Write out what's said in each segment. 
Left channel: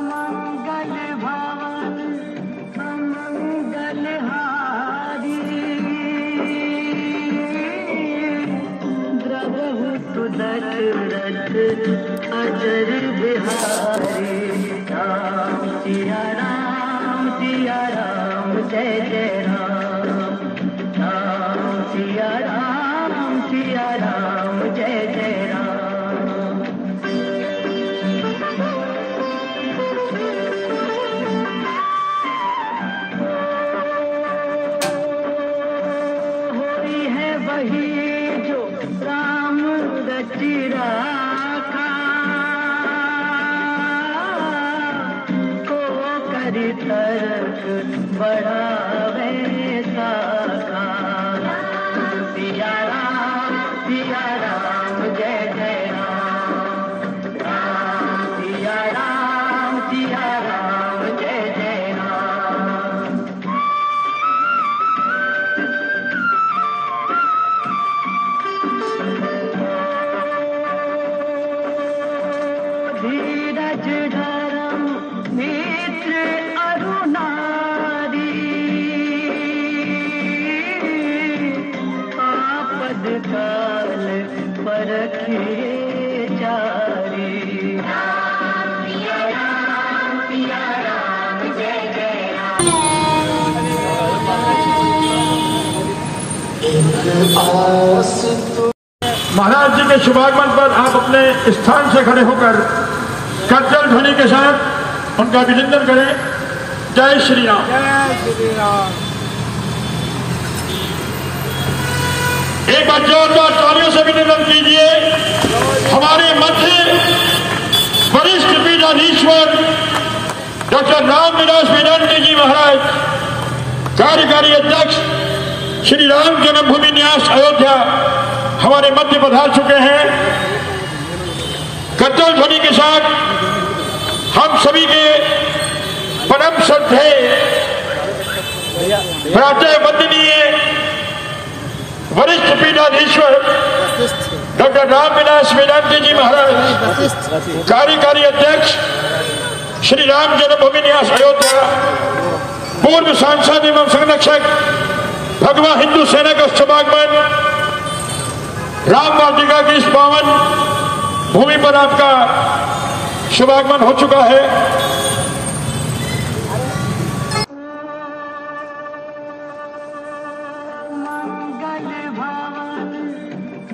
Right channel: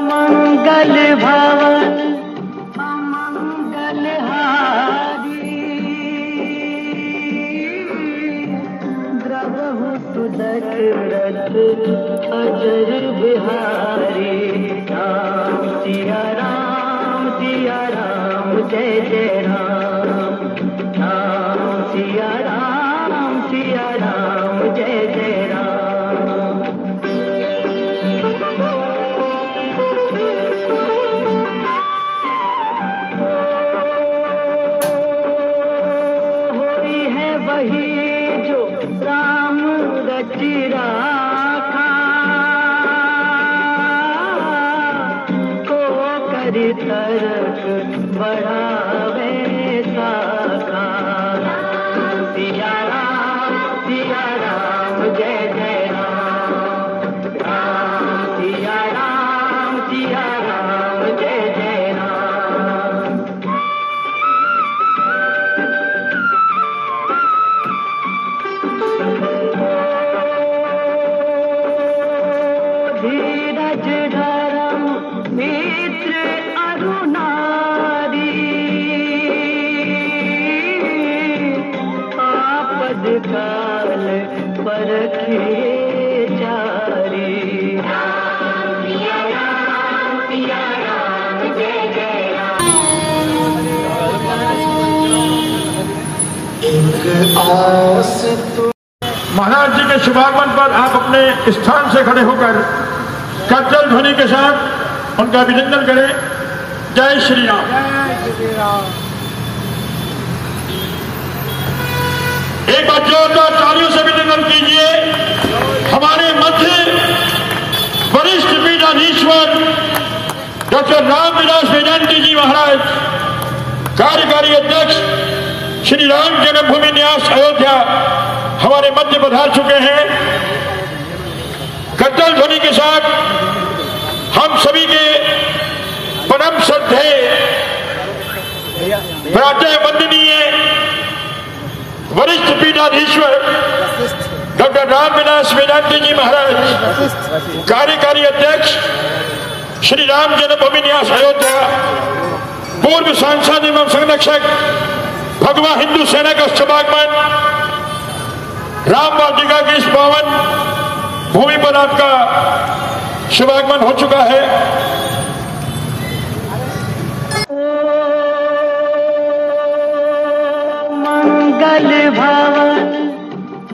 मंगल भवन अमंगल हारी, द्रवहु दशरथ अजर बिहारी। राम सिया राम जय जय राम। राम सिया राम जय जय राम। होई है वही जो राम रचि राखा, को करि तरक बढ़ावे साखा। सिया राम जय जय राम। राम सिया राम जय जय राम। धीरज धर्म मित्र अरु नारी, आपद काल परखिए चारी। राम सिया राम जय जय राम। महाराज जी के शुभागमन पर आप अपने स्थान से खड़े होकर करताल ध्वनि के साथ उनका अभिनंदन करें। जय श्री राम। एक बार जोरदार तालियों से अभिनंदन कीजिए हमारे मध्य वरिष्ठ पीठाधीश्वर डॉक्टर रामविलास वेदांती जी महाराज, कार्यकारी अध्यक्ष श्री राम जन्मभूमि न्यास अयोध्या, हमारे मध्य पधार चुके हैं। करताल ध्वनि के साथ हम सभी के परम श्रद्धेय प्रातः वंदनीय वरिष्ठ पीठाधीश्वर डॉक्टर रामविलास वेदांती जी महाराज, कार्यकारी अध्यक्ष श्री राम जन्मभूमि न्यास अयोध्या, पूर्व सांसद एवं संरक्षक भगवा हिंदू सेना का शुभागमन। राम वाटिका की इस पावन भूमि पर आपका शुभागमन हो चुका है। मंगल भवन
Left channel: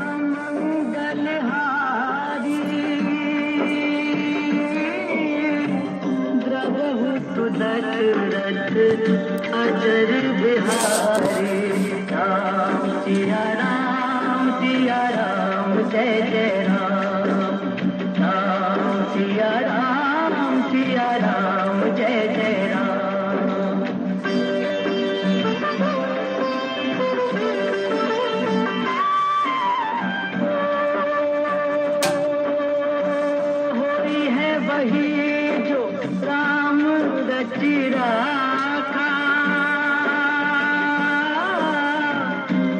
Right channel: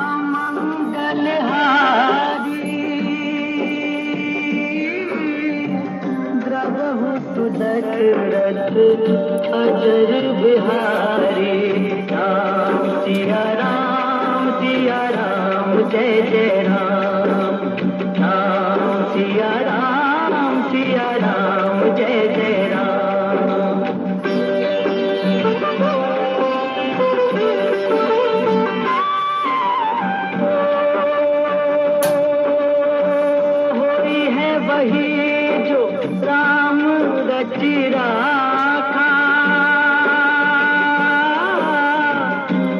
अमंगल हारी, द्रवहु दशरथ अजर बिहारी। राम सिया राम जय जय राम। राम सिया राम जय जय राम। होई है वही जो राम रचि राखा,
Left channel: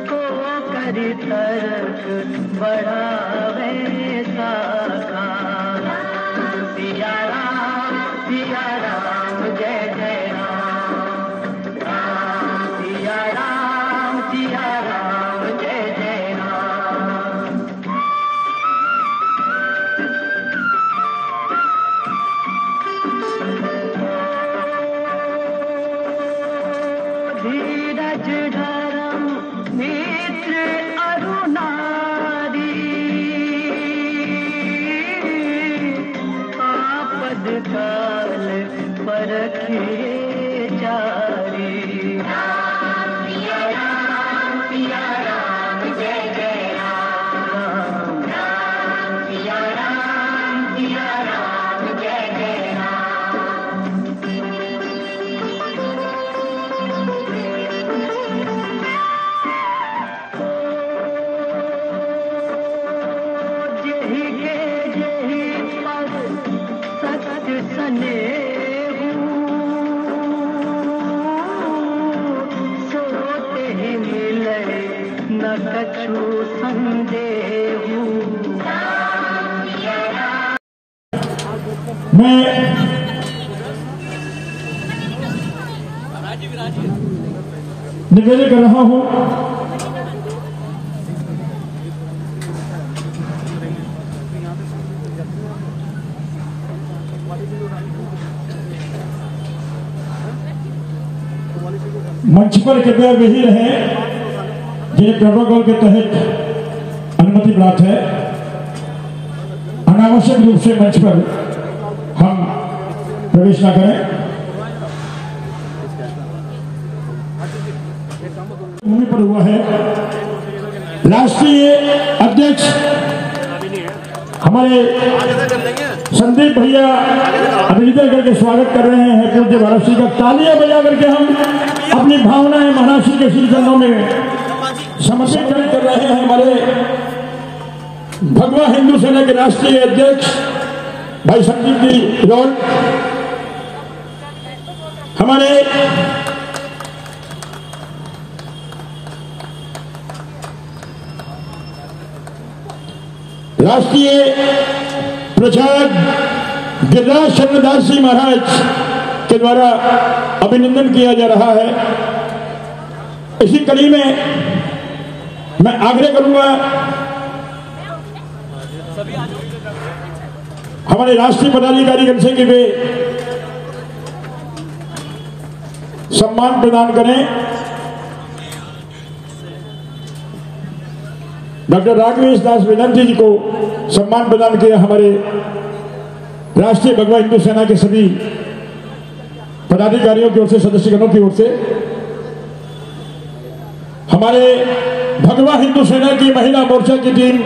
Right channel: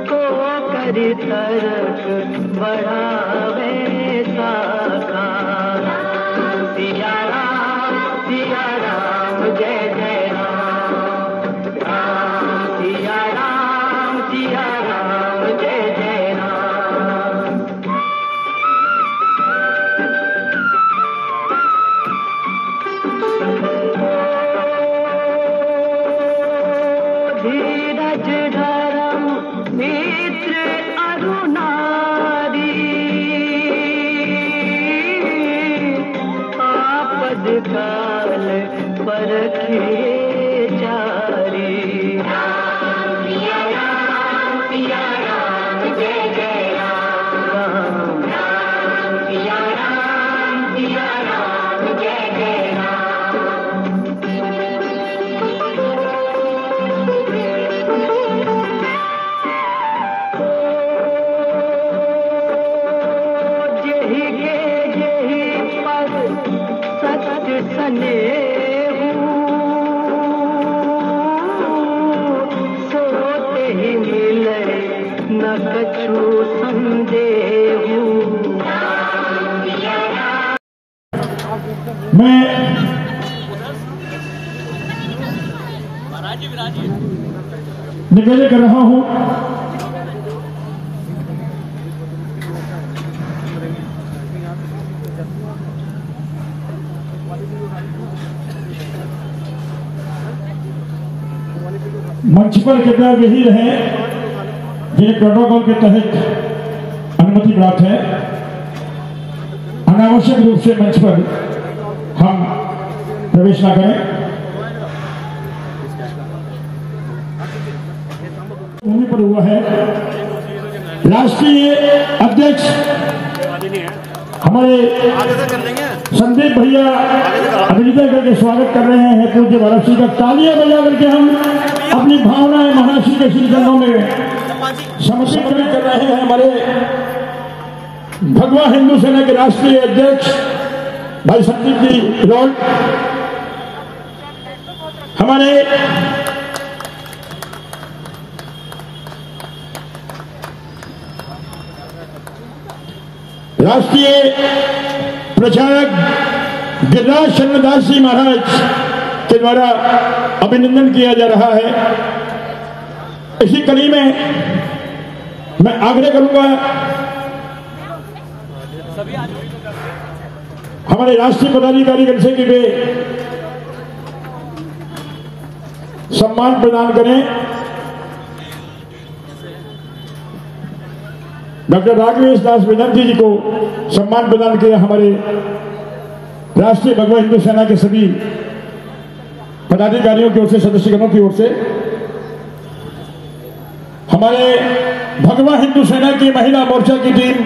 को करि तरक बढ़ावे साखा। सिया राम जय जय राम। राम सिया राम जय जय राम। धीरज धर्म मित्र अरु नारी, आपद काल परखिए चारी। राम सिया राम जय जय राम। राम सिया राम जय जय राम। जेहि के जेहि पद सत्य स्नेहु, सोते ही मिले न कछु संदेहु। राम सिया निवेदन कर रहा हूं मंच पर कृपया वही रहे जिन्हें प्रोटोकॉल के तहत अनुमति प्राप्त है। अनावश्यक रूप से मंच पर हम प्रवेश न करें। होने पर हुआ है राष्ट्रीय अध्यक्ष हमारे संदीप भैया अभिनेता करके स्वागत कर रहे हैं पूज्य भारत श्री का। तालियां बजा करके हम अपनी भावनाएं महाराष्ट्र के श्री चरणों में समर्पित कर रहे हैं। हमारे भगवा हिंदू सेना के राष्ट्रीय अध्यक्ष भाई संदीप जी रोल, हमारे राष्ट्रीय प्रचारक गिरिराज शरणदास जी महाराज के द्वारा अभिनंदन किया जा रहा है। इसी कड़ी में मैं आग्रह करूंगा हमारे राष्ट्रीय पदाधिकारी से कि वे सम्मान प्रदान करें। डॉक्टर राघवेश दास वेदांती जी को सम्मान प्रदान किया हमारे राष्ट्रीय भगवा हिंदू सेना के सभी पदाधिकारियों की ओर से, सदस्यगणों की ओर से। हमारे भगवा हिंदू सेना की महिला मोर्चा की टीम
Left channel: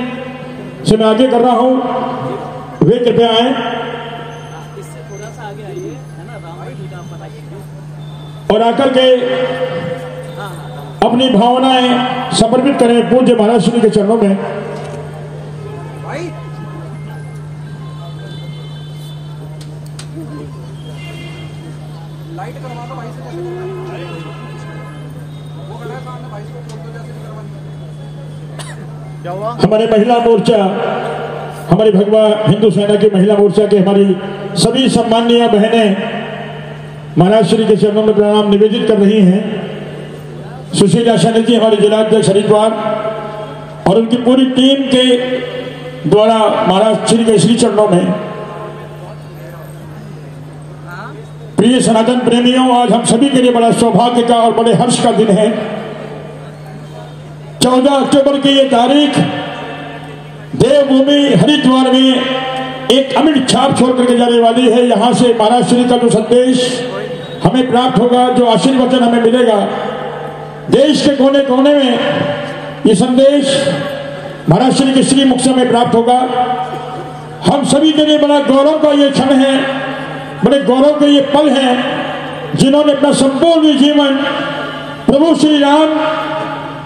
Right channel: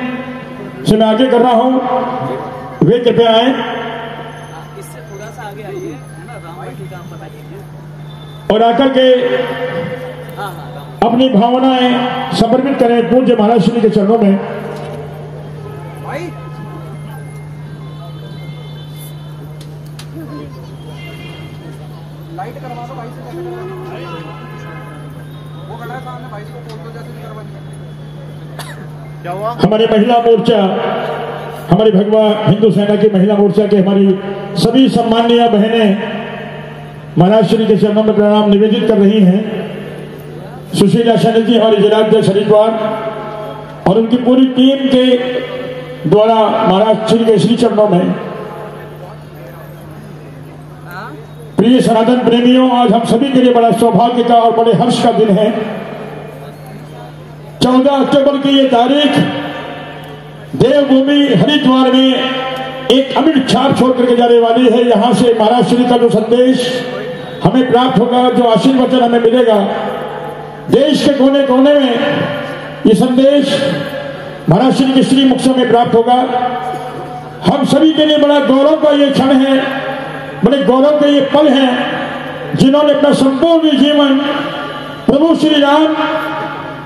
से मैं आगे कर रहा हूं, वे कृपया आए और आकर के अपनी भावनाएं समर्पित करें पूज्य महाराज श्री के चरणों में। हमारे महिला मोर्चा, हमारी भगवा हिंदू सेना की महिला मोर्चा के हमारी सभी सम्मानीय बहनें महाराज श्री के चरणों में प्रणाम निवेदित कर रही हैं। सुशीला शैनी जी हमारे जिलाध्यक्ष हरिद्वार और उनकी पूरी टीम के द्वारा महाराज श्री के श्री चरणों में। प्रिय सनातन प्रेमियों, आज हम सभी के लिए बड़ा सौभाग्य का और बड़े हर्ष का दिन है। 14 अक्टूबर की ये तारीख देवभूमि हरिद्वार में एक अमिट छाप छोड़ करके जाने वाली है। यहां से महाराज श्री का जो संदेश हमें प्राप्त होगा, जो आशीर्वचन हमें मिलेगा, देश के कोने कोने में ये संदेश महाराज श्री के श्री मुख से हमें प्राप्त होगा। हम सभी के लिए बड़ा गौरव का ये क्षण है, बड़े गौरव के ये पल हैं, जिन्होंने अपना संपूर्ण जीवन प्रभु श्री राम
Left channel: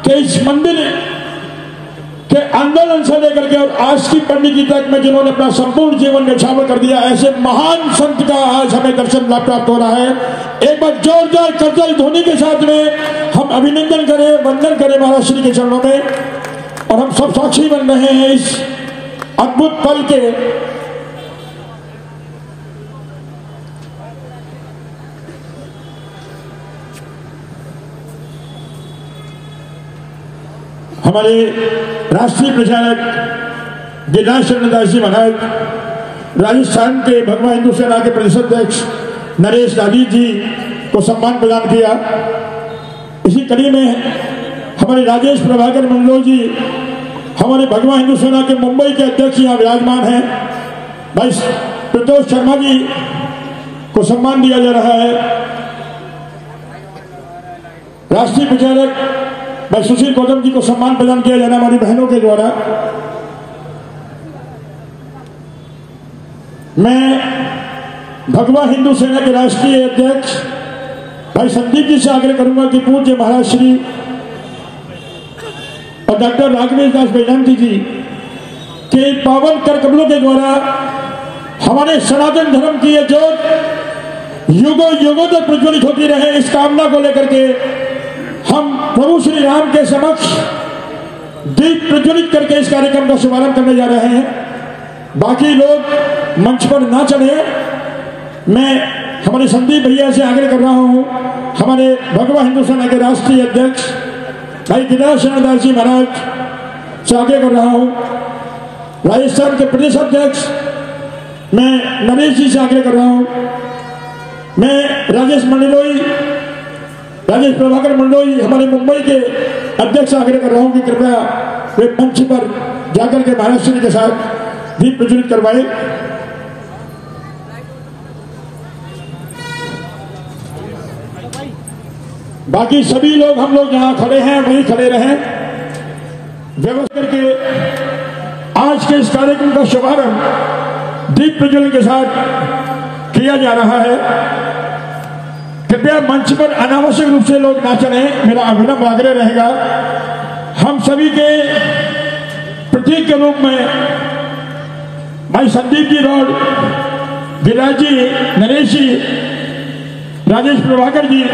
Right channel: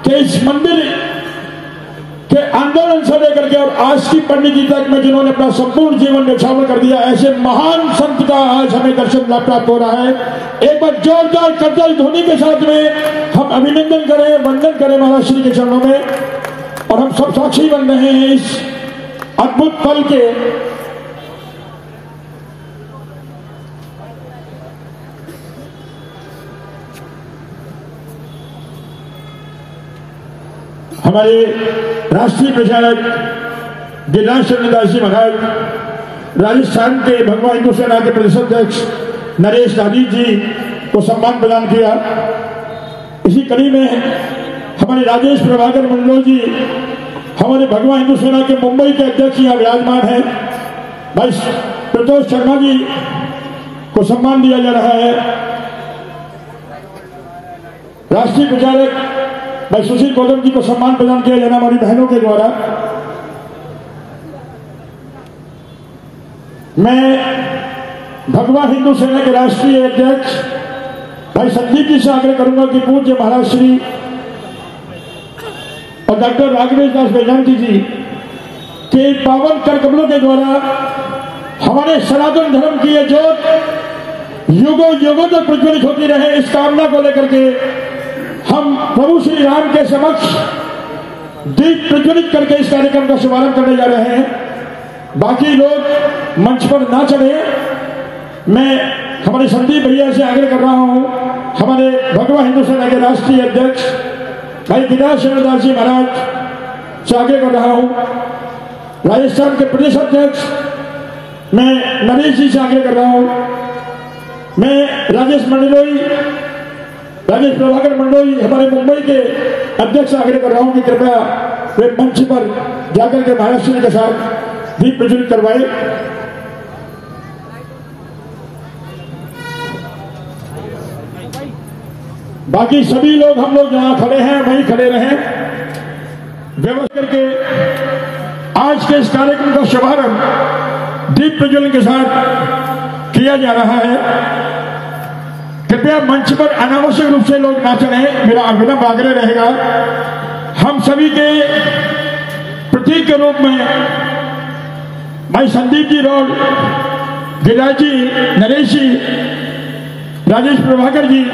के इस मंदिर के आंदोलन से लेकर के और आज की पंडित तक में जिन्होंने अपना संपूर्ण जीवन न्यौछावर कर दिया, ऐसे महान संत का आज हमें दर्शन प्राप्त हो रहा है। एक बार जोरदार करताल ध्वनि के साथ में हम अभिनंदन करें, वंदन करें महाराज श्री के चरणों में। और हम सब साक्षी बन रहे हैं इस अद्भुत पल के। हमारे राष्ट्रीय प्रचारक गिरिराज शरणदास जी महाराज, राजस्थान के भगवा हिंदू सेना के प्रदेश अध्यक्ष नरेश दादी जी को सम्मान प्रदान किया। इसी कड़ी में हमारे राजेश प्रभाकर मंडल जी, हमारे भगवा हिंदू सेना के मुंबई के अध्यक्ष यहाँ विराजमान हैं, भाई प्रतोष शर्मा जी को सम्मान दिया जा रहा है। राष्ट्रीय प्रचारक भाई सुशील गौतम जी को सम्मान प्रदान किया जाना हमारी बहनों के द्वारा। मैं भगवा हिंदू सेना के राष्ट्रीय अध्यक्ष भाई संदीप जी से आग्रह करूंगा कि पूज्य महाराज श्री और डॉक्टर राघवेश दास वेदांती जी के पावन कर कमलों के द्वारा हमारे सनातन धर्म की ये ज्योत युगों युगों तक प्रज्वलित होती रहे, इस कामना को लेकर के हम प्रभु श्री राम के समक्ष दीप प्रज्वलित करके इस कार्यक्रम का शुभारंभ करने जा रहे हैं। बाकी लोग मंच पर ना चढ़े, मैं हमारे संदीप भैया से आग्रह कर रहा हूँ, हमारे भगवा हिंदू सेना के राष्ट्रीय अध्यक्ष भाई केदार शरणदास जी महाराज से आग्रह कर रहा हूँ, राजस्थान के प्रदेश अध्यक्ष मैं नरेश जी से आग्रह कर रहा हूँ, मैं राजेश प्रभाकर मंडलोई हमारे मुंबई के अध्यक्ष से आग्रह कर रहा हूँ कि कृपया वे मंच पर जाकर के महाराष्ट्र के साथ दीप प्रज्वलित करवाए। बाकी सभी लोग हम लोग जहां खड़े हैं वहीं खड़े रहें। व्यवस्था करके आज के इस कार्यक्रम का शुभारंभ दीप प्रज्वलन के साथ किया जा रहा है। कृपया मंच पर अनावश्यक रूप से लोग ना चढ़ें, मेरा अविलंब आग्रह रहेगा। हम सभी के प्रतीक के रूप में भाई संदीप जी रोड, गिरिराज जी, नरेश जी, राजेश प्रभाकर जी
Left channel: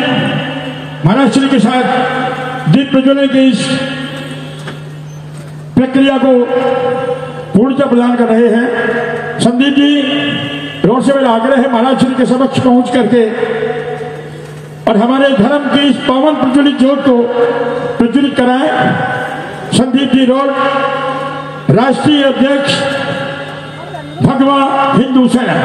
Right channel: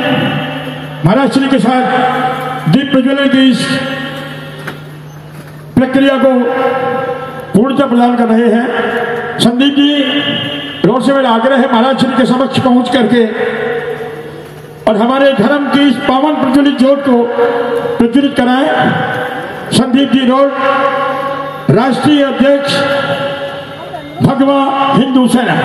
महाराष्ट्र के साथ दीप प्रज्वलन की इस प्रक्रिया को पूर्णतः प्रदान कर रहे हैं। संदीप जी रोड से मेरा आग्रह है महाराष्ट्र के समक्ष पहुंच करके और हमारे धर्म की इस पावन प्रज्वलित ज्योत को प्रज्वलित कराएं। संदीप जी रोड, राष्ट्रीय अध्यक्ष भगवा हिंदू सेना।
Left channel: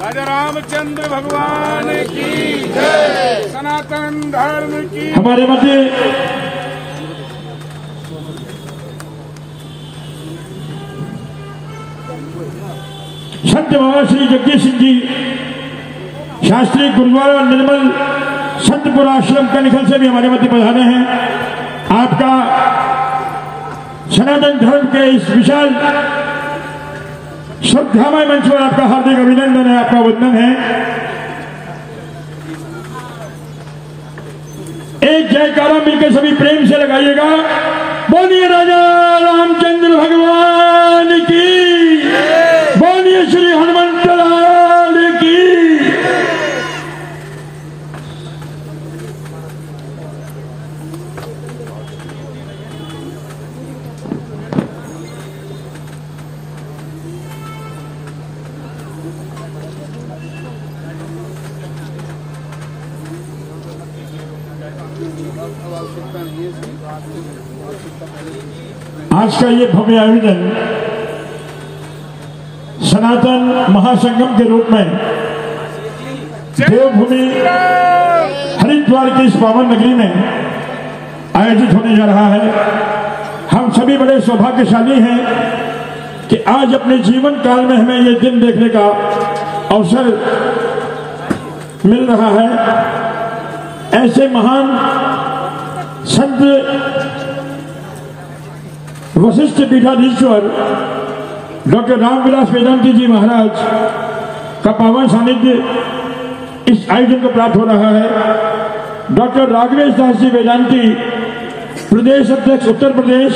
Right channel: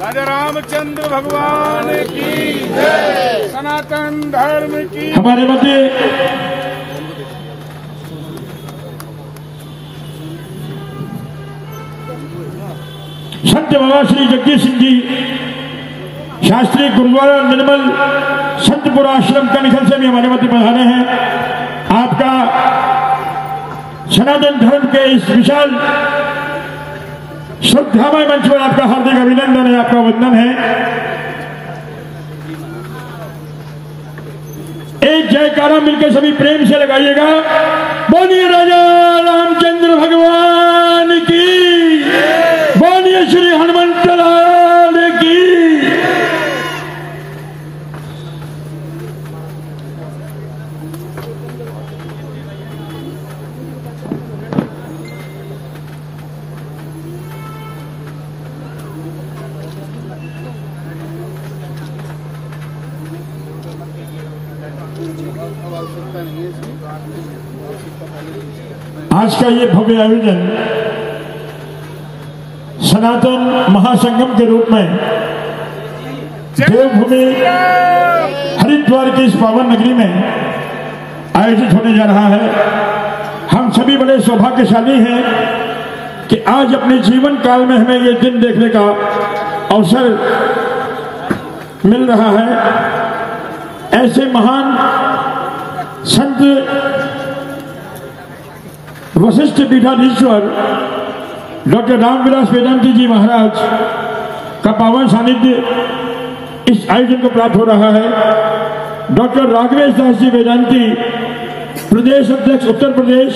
राजा रामचंद्र भगवान की जय, सनातन धर्म की। हमारे मध्य संत बाबा श्री जगदीश सिंह जी शास्त्री गुरुद्वारा निर्मल संतपुरा आश्रम के निखल से भी हमारे मध्य पधारे हैं। आपका सनातन धर्म के इस विशाल श्रद्धामय मंच पर आपका हार्दिक अभिनंदन है, आपका वंदन है। एक जयकारा मिलकर सभी प्रेम से लगाइएगा। बोलिए राजा रामचंद्र भगवान की, बोलिए श्री हनुमंत लाल की। आज का ये भव्य आयोजन सनातन महासंगम के रूप में देवभूमि हरिद्वार की इस पावन नगरी में आयोजित होने जा रहा है। हम सभी बड़े सौभाग्यशाली हैं कि आज अपने जीवन काल में हमें ये दिन देखने का अवसर मिल रहा है। ऐसे महान संत वशिष्ठ पीठाधीश्वर डॉक्टर रामविलास वेदांती जी महाराज का पावन सानिध्य इस आयोजन को प्राप्त हो रहा है। डॉक्टर राघवेश दास जी वेदांती, प्रदेश अध्यक्ष उत्तर प्रदेश।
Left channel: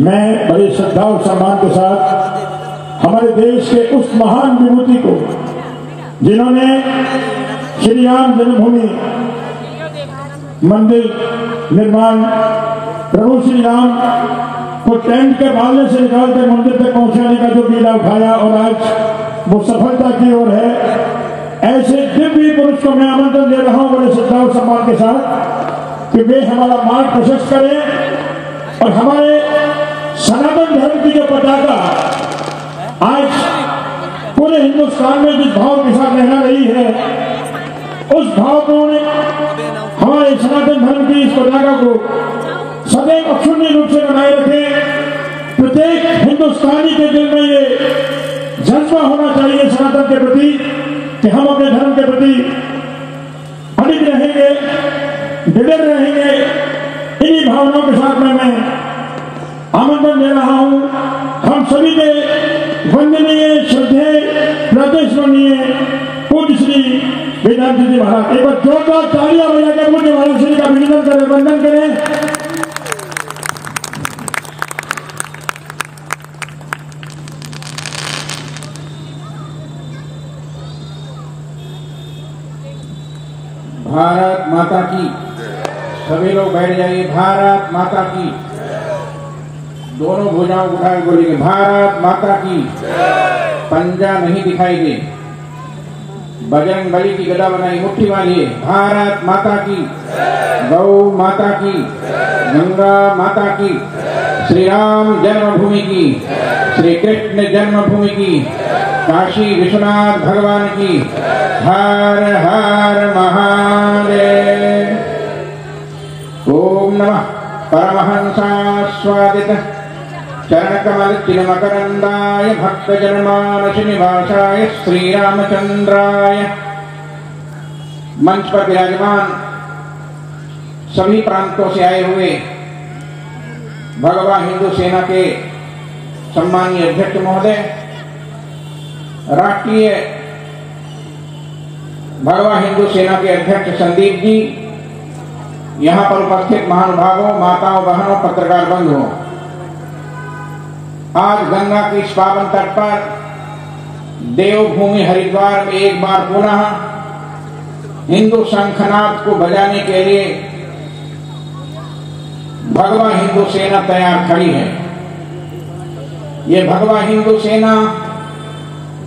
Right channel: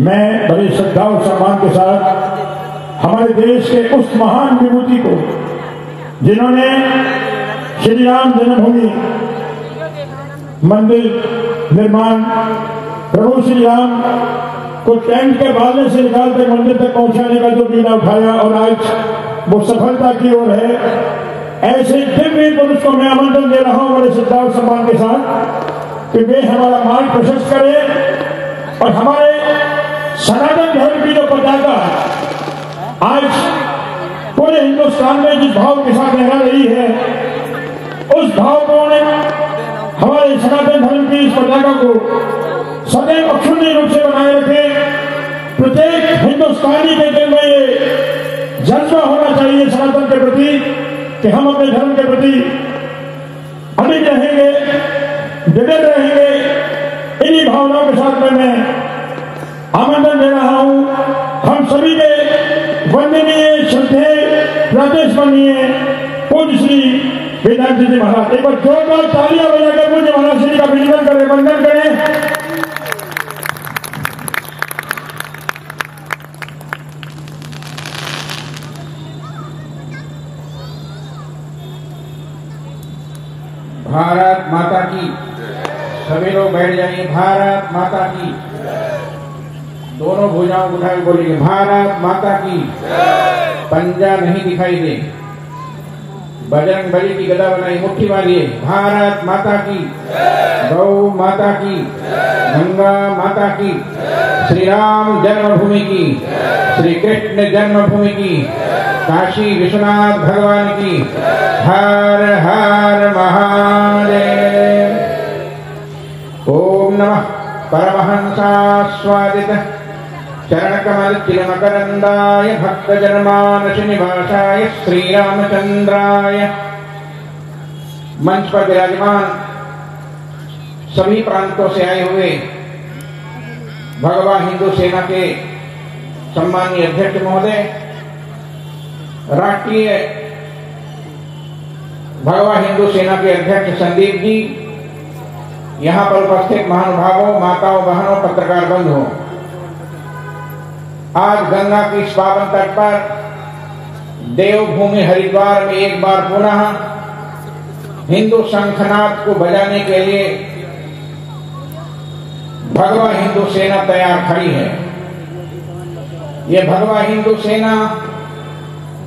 मैं बड़ी श्रद्धा और सम्मान के साथ हमारे देश के उस महान विभूति को, जिन्होंने श्री राम जन्मभूमि मंदिर निर्माण, प्रभु श्री राम को टेंट के बाले से निकालकर मंदिर तक पहुंचाने का जो बीड़ा उठाया और आज वो सफलता की ओर है, ऐसे दिव्य पुरुष को मैं आमंत्रण दे रहा हूं बड़े श्रद्धा और सम्मान के साथ कि वे हमारा मार्ग प्रशस्त करें और हमारे सनातन धर्म की जो पताका आज पूरे हिंदुस्तान में जिस भाव के साथ लहरा रही है, उस भाव को हमारे सनातन धर्म की इस पताका को सदैव अक्षुण्य रूप से बनाए रखें। प्रत्येक हिंदुस्तानी के दिल में ये जज्बा होना चाहिए सनातन के प्रति कि हम अपने धर्म के प्रति अडिग रहेंगे, दृढ़ रहेंगे। इन्हीं भावनाओं के साथ में मैं आमंत्रण दे रहा हूं हम सभी के वंदनीय श्रद्धेय प्रातस्मरणीय पूज्य श्री वेदांती जी महाराज। एक बार जोरदार तालियां बजा के पूज्य महाराज श्री का अभिनंदन करें, वंदन करें। सभी लोग बैठ जाइए। भारत माता की। दोनों भुजाओं उठाकर बोलेंगे भारत माता की। पंजा नहीं दिखाई दे। बजरंग बली की गदा बनाई, मुट्ठी मारिए। भारत माता की, गौ माता की, गंगा माता की, श्री राम जन्मभूमि की, श्री कृष्ण जन्मभूमि की, काशी विश्वनाथ भगवान की। हर हर महादेव। ओम नमः परमहंसास्वादित चरणकमल चिरमकरंदाय भक्तजनमानस निवासाय श्रीरामचंद्राय। मंच पर विराजमान सभी प्रांतों से आए हुए भगवान हिंदू सेना के सम्मानीय अध्यक्ष महोदय, राष्ट्रीय भगवान हिंदू सेना के अध्यक्ष संदीप जी, यहां पर उपस्थित महानुभावों, माताओं, बहनों, पत्रकार बंधुओं, आज गंगा की इस पावन तट पर देवभूमि हरिद्वार में एक बार पुनः हिंदू शंखनाद को बजाने के लिए भगवा हिंदू सेना तैयार खड़ी है। ये भगवा हिंदू सेना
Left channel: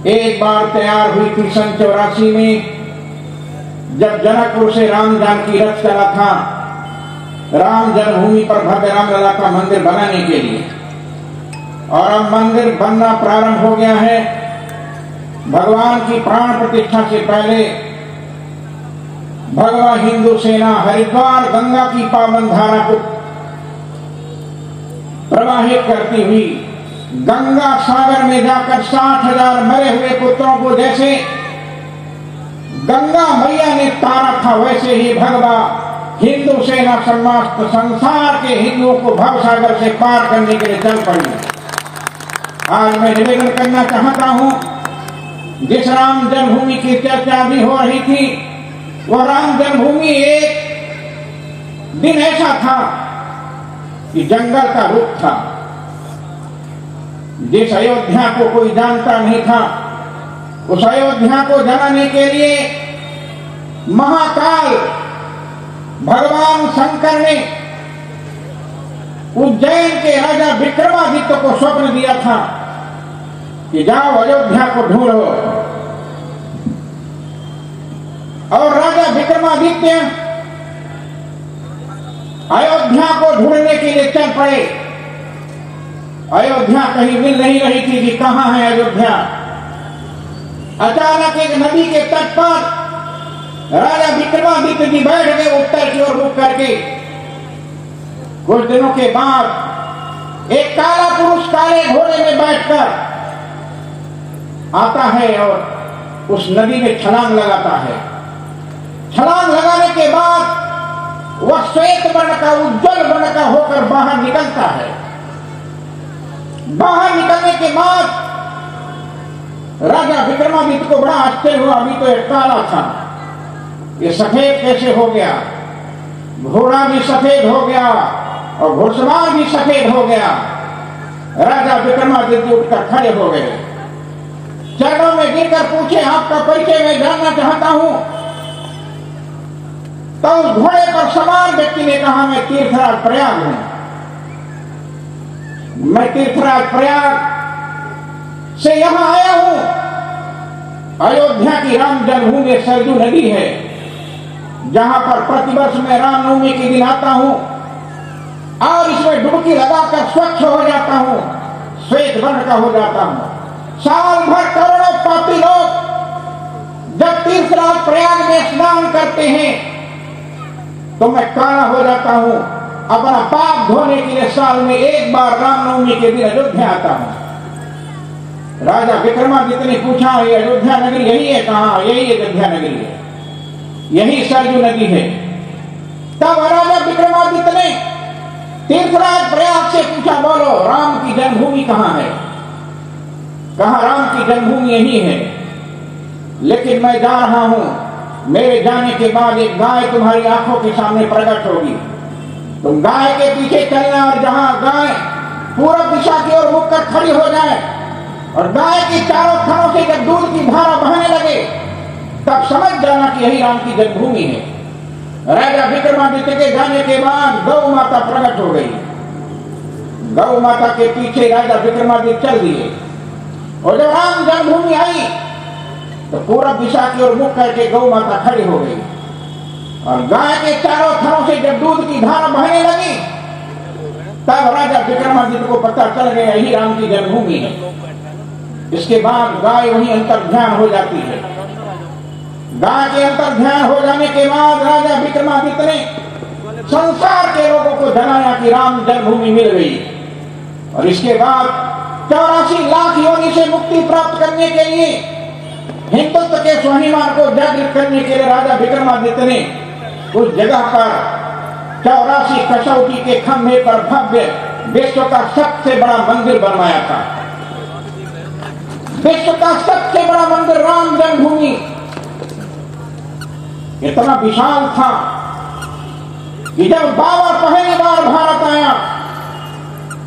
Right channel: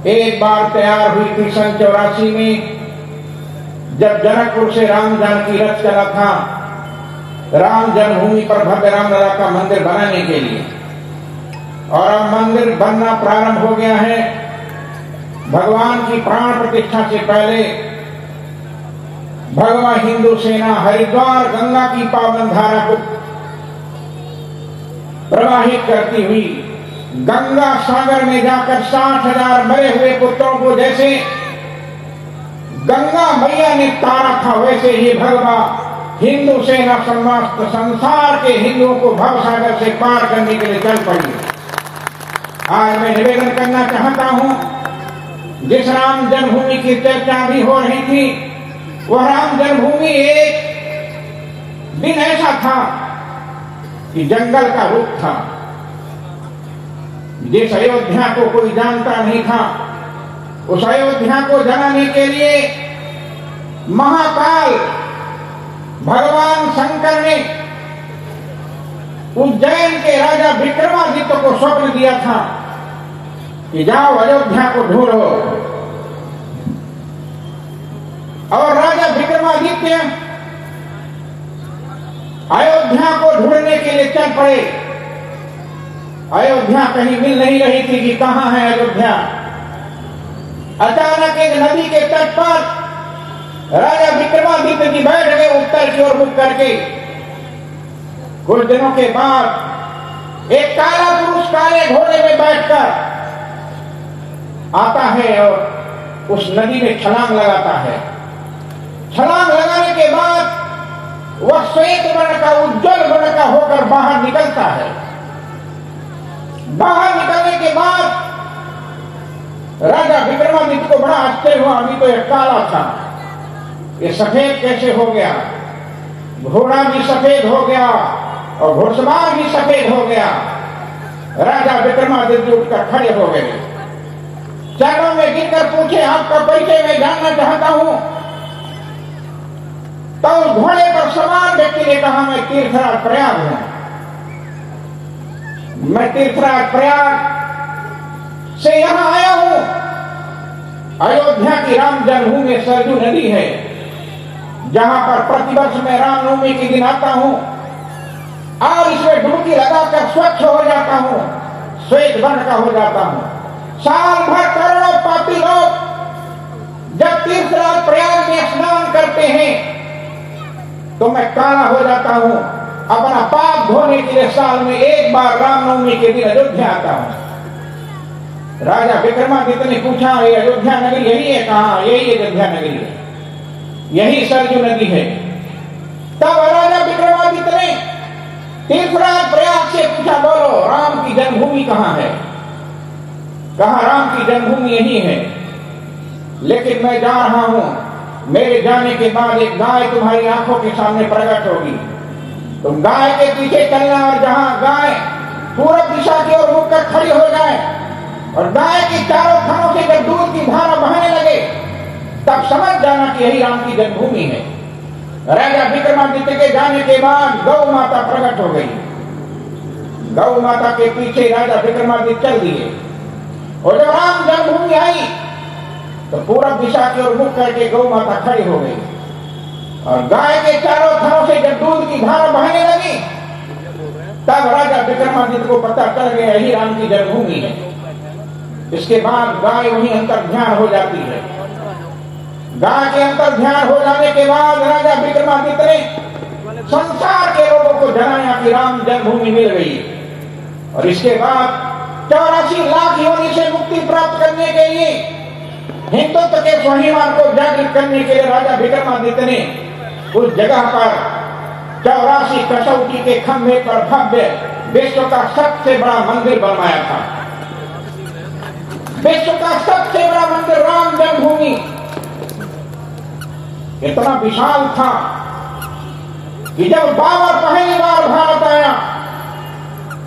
एक बार तैयार हुई थी सन 84 में, जब जनकपुर से राम जानकी रथ चला था राम जन्मभूमि पर भव्य रामलला का मंदिर बनाने के लिए। और अब मंदिर बनना प्रारंभ हो गया है। भगवान की प्राण प्रतिष्ठा से पहले भगवा हिंदू सेना हरिद्वार गंगा की पावन धारा को प्रवाहित करती हुई गंगा सागर में जाकर 60,000 मरे हुए पुत्रों को जैसे गंगा मैया ने तारा था, वैसे ही भगवा हिंदू सेना समस्त संसार के हिंदुओं को भवसागर से पार करने के लिए चल पड़ी। आज मैं निवेदन करना चाहता हूं, जिस राम जन्मभूमि की चर्चा भी हो रही थी, वो राम जन्मभूमि एक दिन ऐसा था कि जंगल का रूप था। जिस अयोध्या को कोई जानता नहीं था, उस अयोध्या को जलाने के लिए महाकाल भगवान शंकर ने उज्जैन के राजा विक्रमादित्य को स्वप्न दिया था कि जाओ अयोध्या को ढूंढो। और राजा विक्रमादित्य अयोध्या को ढूंढने के लिए चल पड़े। अयोध्या कहीं मिल नहीं रही थी कि कहां है अयोध्या। अचानक एक नदी के तट पर राजा विक्रमादित्य जी बैठ गए उत्तर की ओर रुख करके। कुछ दिनों के बाद एक काला पुरुष काले घोड़े में बैठकर आता है और उस नदी में छलांग लगाता है। छलांग लगाने के बाद वह श्वेत वर्ण का उज्जवल वर्ण का होकर बाहर निकलता है। बाहर निकलने के बाद राजा विक्रमादित्य को बड़ा आश्चर्य हुआ, अभी तो एक काला था, ये सफेद कैसे हो गया। घोड़ा भी सफेद हो गया और घुड़सवार भी सफेद हो गया। राजा विक्रमादित्य उठकर खड़े हो गए, चरणों में गिरकर पूछे, आपका परिचय मैं जानना चाहता हूं। तो घोड़े पर सवार व्यक्ति ने कहा, मैं तीर्थराज प्रयाग हूं। मैं तीर्थराज प्रयाग से यहां आया हूं। अयोध्या की राम जन्मभूमि सरजू नदी है, जहां पर प्रतिवर्ष मैं रामनवमी के दिन आता हूं और इसमें डुबकी लगाकर स्वच्छ हो जाता हूं, श्वेत वर्ण का हो जाता हूं। साल भर करोड़ों पापी लोग जब तीर्थराज प्रयाग में स्नान करते हैं तो मैं काला हो जाता हूं। अपना पाप धोने के लिए साल में एक बार रामनवमी के दिन अयोध्या आता हूं। राजा विक्रमादित्य ने पूछा, ये अयोध्या नगरी यही है? कहा, यही अयोध्या नगरी है, यही सरजू नदी है। तब राजा विक्रमादित्य ने तीर्थराज प्रयाग से पूछा, बोलो राम की जन्मभूमि कहां है? कहा, राम की जन्मभूमि यही है, लेकिन मैं जा रहा हूं। मेरे जाने के बाद एक गाय तुम्हारी आंखों के सामने प्रकट होगी। तुम गाय के पीछे चलना और जहां गाय पूर्व दिशा की ओर मुड़कर खड़ी हो जाए और गाय की चारों थनों से जब दूध की धारा बहने लगे, तब समझ जाना कि यही राम की जन्मभूमि है। राजा विक्रमादित्य के जाने के बाद गौ माता प्रकट हो गई। गौ माता के पीछे राजा विक्रमादित्य चल दिए और जब राम जन्मभूमि आई तो पूरब दिशा की ओर मुख करके गौ माता खड़ी हो गई और गाय के चारों थनों से जब दूध की धारा बहने लगी तब राजा विक्रमादित्य को पता चल गया यही राम की जन्मभूमि है। इसके बाद गाय वहीं अंतर्ध्यान हो जाती है। गाय के अंतर्ध्यान हो जाने के बाद राजा विक्रमादित्य ने संसार के लोगों को जनाया कि राम जन्मभूमि मिल गई और इसके बाद 84 लाख योनि से मुक्ति प्राप्त करने के लिए हिंदुत्व के स्वाभिमान को जागृत करने के लिए राजा विक्रमादित्य ने उस जगह पर 84 कसौटी के खंभे पर भव्य विश्व का सबसे बड़ा मंदिर बनवाया था। विश्व का सबसे बड़ा मंदिर राम जन्मभूमि इतना विशाल था कि जब बाबर पहली बार भारत आया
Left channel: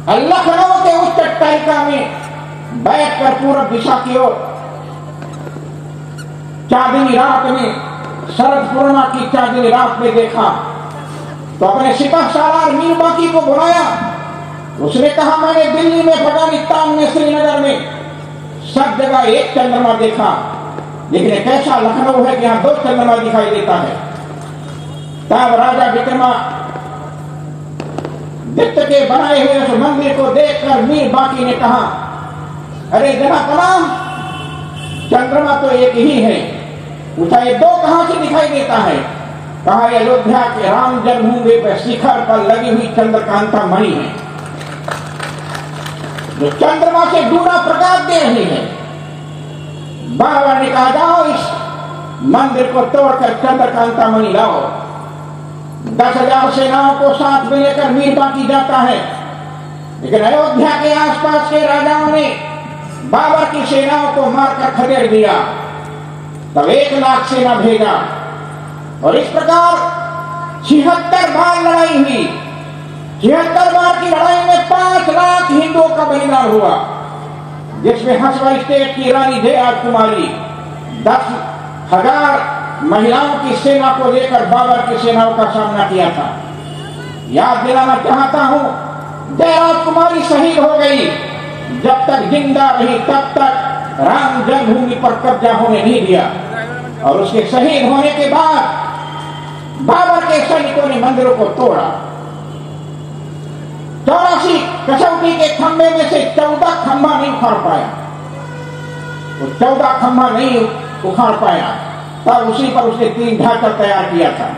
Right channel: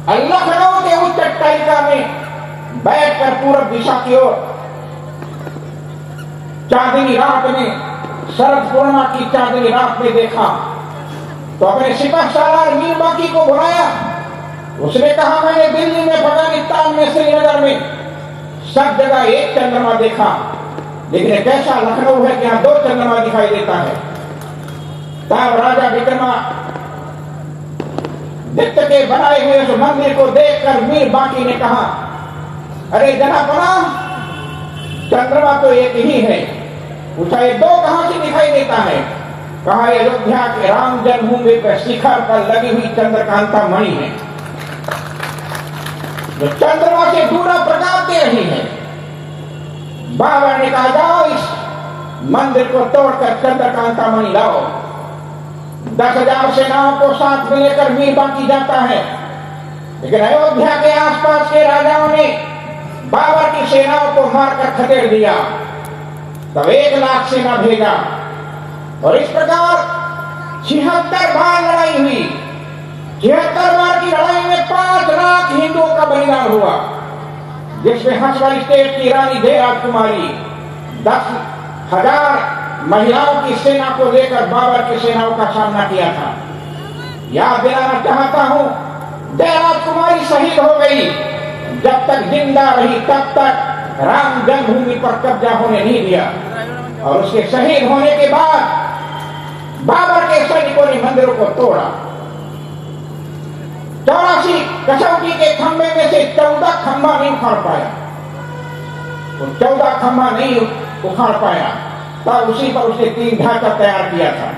लखनऊ के उच्च टैका में बैठकर पूरब दिशा की ओर चांदनी रात में शरद पूर्णिमा की चांदनी रात में देखा तो अपने सिपह सालार मीर बाकी को बुलाया। उसने कहा मैंने दिल्ली में, अफगानिस्तान में, श्रीनगर में सब जगह एक चंद्रमा देखा लेकिन कैसा लखनऊ है कि यहां 2 चंद्रमा दिखाई देता है। तब राजा विक्रमादित्य के बनाए हुए उस मंदिर को देखकर मीर बाकी ने कहा अरे जनापना चंद्रमा तो एक ही है। पूछा ये 2 कहां से दिखाई देता है? कहा अयोध्या के राम जन्मभूमि पर शिखर पर लगी हुई चंद्रकांता मणि है जो चंद्रमा से दूरा प्रकाश दे रही है। बाबा ने कहा जाओ इस मंदिर को तोड़कर चंद्रकांता मणि लाओ। 10,000 सेनाओं को साथ में लेकर मीर बाकी जाता है लेकिन अयोध्या के आसपास के राजाओं ने बाबर की सेनाओं को मारकर खदेड़ दिया। तब 1 लाख सेना भेजा और इस प्रकार 76 बार लड़ाई हुई। 76 बार की लड़ाई में 5 लाख हिंदुओं का बलिदान हुआ जिसमें हसवल स्टेट की रानी जयराज कुमारी 10,000 महिलाओं की सेना को लेकर बाबर की सेनाओं का सामना किया था। याद दिलाना चाहता हूं जयराज कुमारी शहीद हो गई। जब तक जिंदा रही तब तक राम जन्मभूमि पर कब्जा होने नहीं दिया और उसके शहीद होने के बाद बाबर के सैनिकों ने मंदिरों को तोड़ा। 84 कसौटी के खंभे में से 14 खंभा नहीं उखाड़ पाया। वो 14 खंभा नहीं उखाड़ पाया तब उसी पर उसने 3 ढांचा तैयार किया था।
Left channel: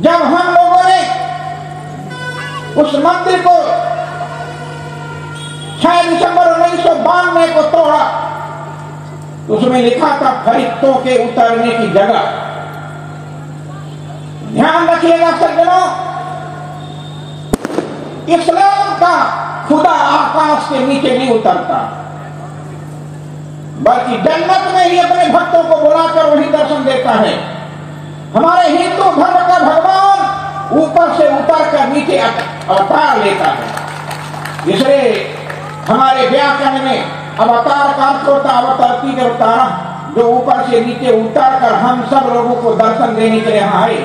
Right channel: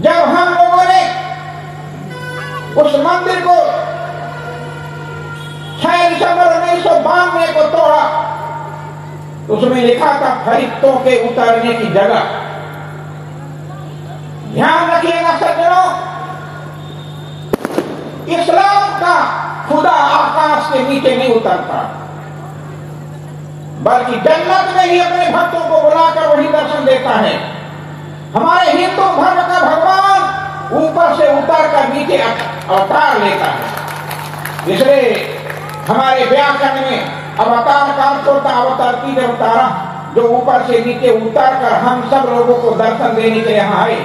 जब हम लोगों ने उस मंदिर को 6 दिसंबर 1992 को तोड़ा उसमें लिखा था फरिश्तों के उतरने की जगह। ध्यान रखिएगा सज्जनों, इस्लाम का खुदा आकाश के नीचे नहीं उतरता बल्कि जन्नत में ही अपने भक्तों को बुलाकर वही दर्शन देता है। हमारे हिंदू धर्म का भगवान ऊपर से उतर कर नीचे अवतार लेता है। इसलिए हमारे व्याकरण में अवतार का अर्थ होता अवतारती अवतारा जो ऊपर से नीचे उतर कर हम सब लोगों को दर्शन देने के लिए यहाँ आए।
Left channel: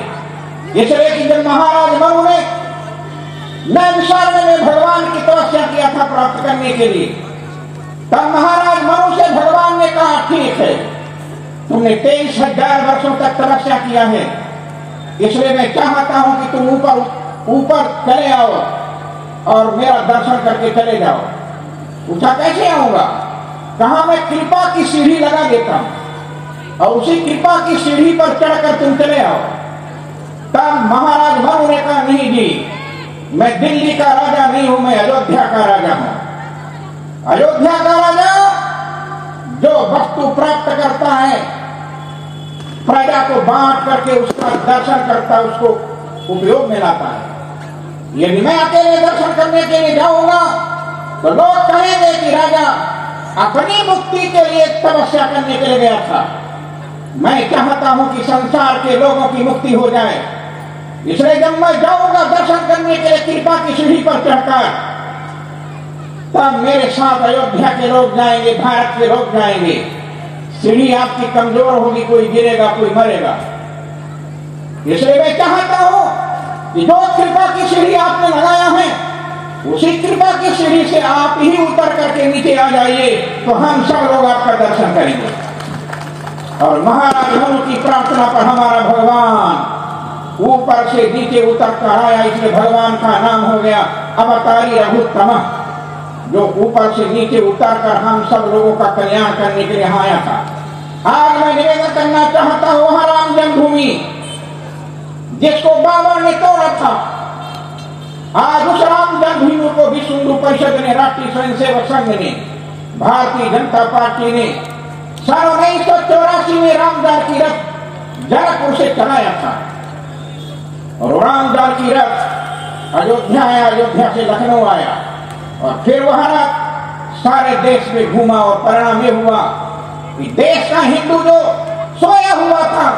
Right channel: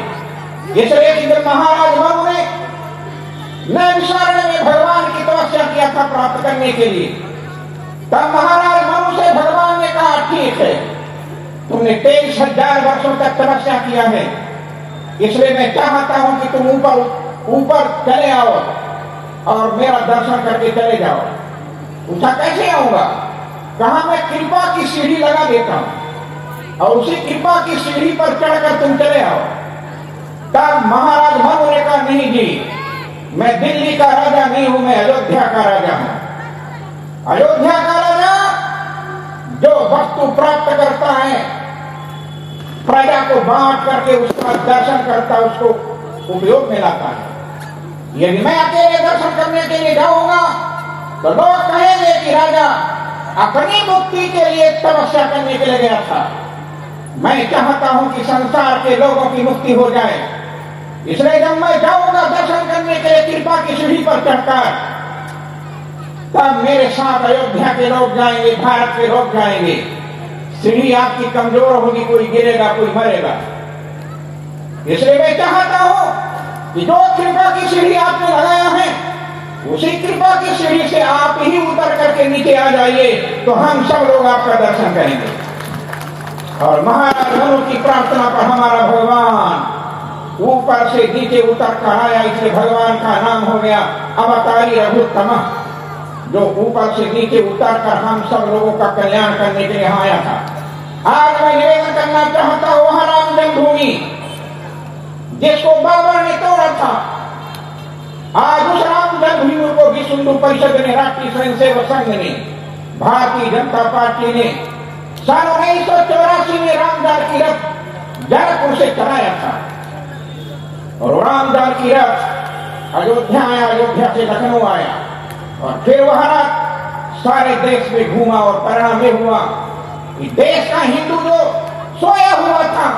इसलिए जब महाराज मनु ने नैमिषारण्य में भगवान की तपस्या किया था प्राप्त करने के लिए तब महाराज मनु से भगवान ने कहा ठीक है तुमने 23,000 वर्षों तक तपस्या किया है इसलिए मैं चाहता हूं कि तुम ऊपर चले आओ और मेरा दर्शन करके चले जाओ। पूछा कैसे आऊंगा? कहा मैं कृपा की सीढ़ी लगा देता हूं और उसी कृपा की सीढ़ी पर चढ़कर तुम चले आओ। तब महाराज मनु ने कहा नहीं जी मैं दिल्ली का राजा नहीं हूं, मैं अयोध्या का राजा हूं। अयोध्या का राजा जो वस्तु प्राप्त करता है प्रजा को बांट करके उसका दर्शन करता है उसको उपयोग में लाता है। यदि मैं अकेले दर्शन करने के लिए जाऊंगा तो लोग कहेंगे कि राजा अपनी मुक्ति के लिए तपस्या करने के लिए गया था। मैं चाहता हूं कि संसार के लोगों की मुक्ति हो जाए, इसलिए जब मैं जाऊंगा दर्शन करने के लिए कृपा की सीढ़ी पर चढ़कर तब मेरे साथ अयोध्या के लोग जाएंगे, भारत के लोग जाएंगे। सीढ़ी आपकी कमजोर होगी, कोई गिरेगा कोई मरेगा। इसलिए मैं चाहता हूं कि जो कृपा की सीढ़ी आपने लगाया है, उसी कृपा की सीढ़ी से आप ही उतर करके नीचे आ जाइए, तो हम सब लोग आपका दर्शन करेंगे। और महाराज मनु की प्रार्थना पर हमारा भगवान ऊपर से नीचे उतर कर आया, इसलिए भगवान का नाम हो गया अवतारी रघुत्तम, जो ऊपर से नीचे उतर कर हम सब लोगों का कल्याण करने के लिए आया था। आज मैं निवेदन करना चाहता हूं, वहां राम जन्मभूमि जिसको बाबर ने तोड़ा था, आज उस राम जन्मभूमि को विश्व हिंदू परिषद ने, राष्ट्रीय स्वयंसेवक संघ ने, भारतीय जनता पार्टी ने सन 1984 में राम जानकी रथ जनकपुर से चलाया था। और राम जानकी रथ अयोध्या आया, अयोध्या से लखनऊ आया, और फिर वहां सारे देश में घूमा, और परिणाम यह हुआ कि देश का हिंदू जो सोया हुआ था,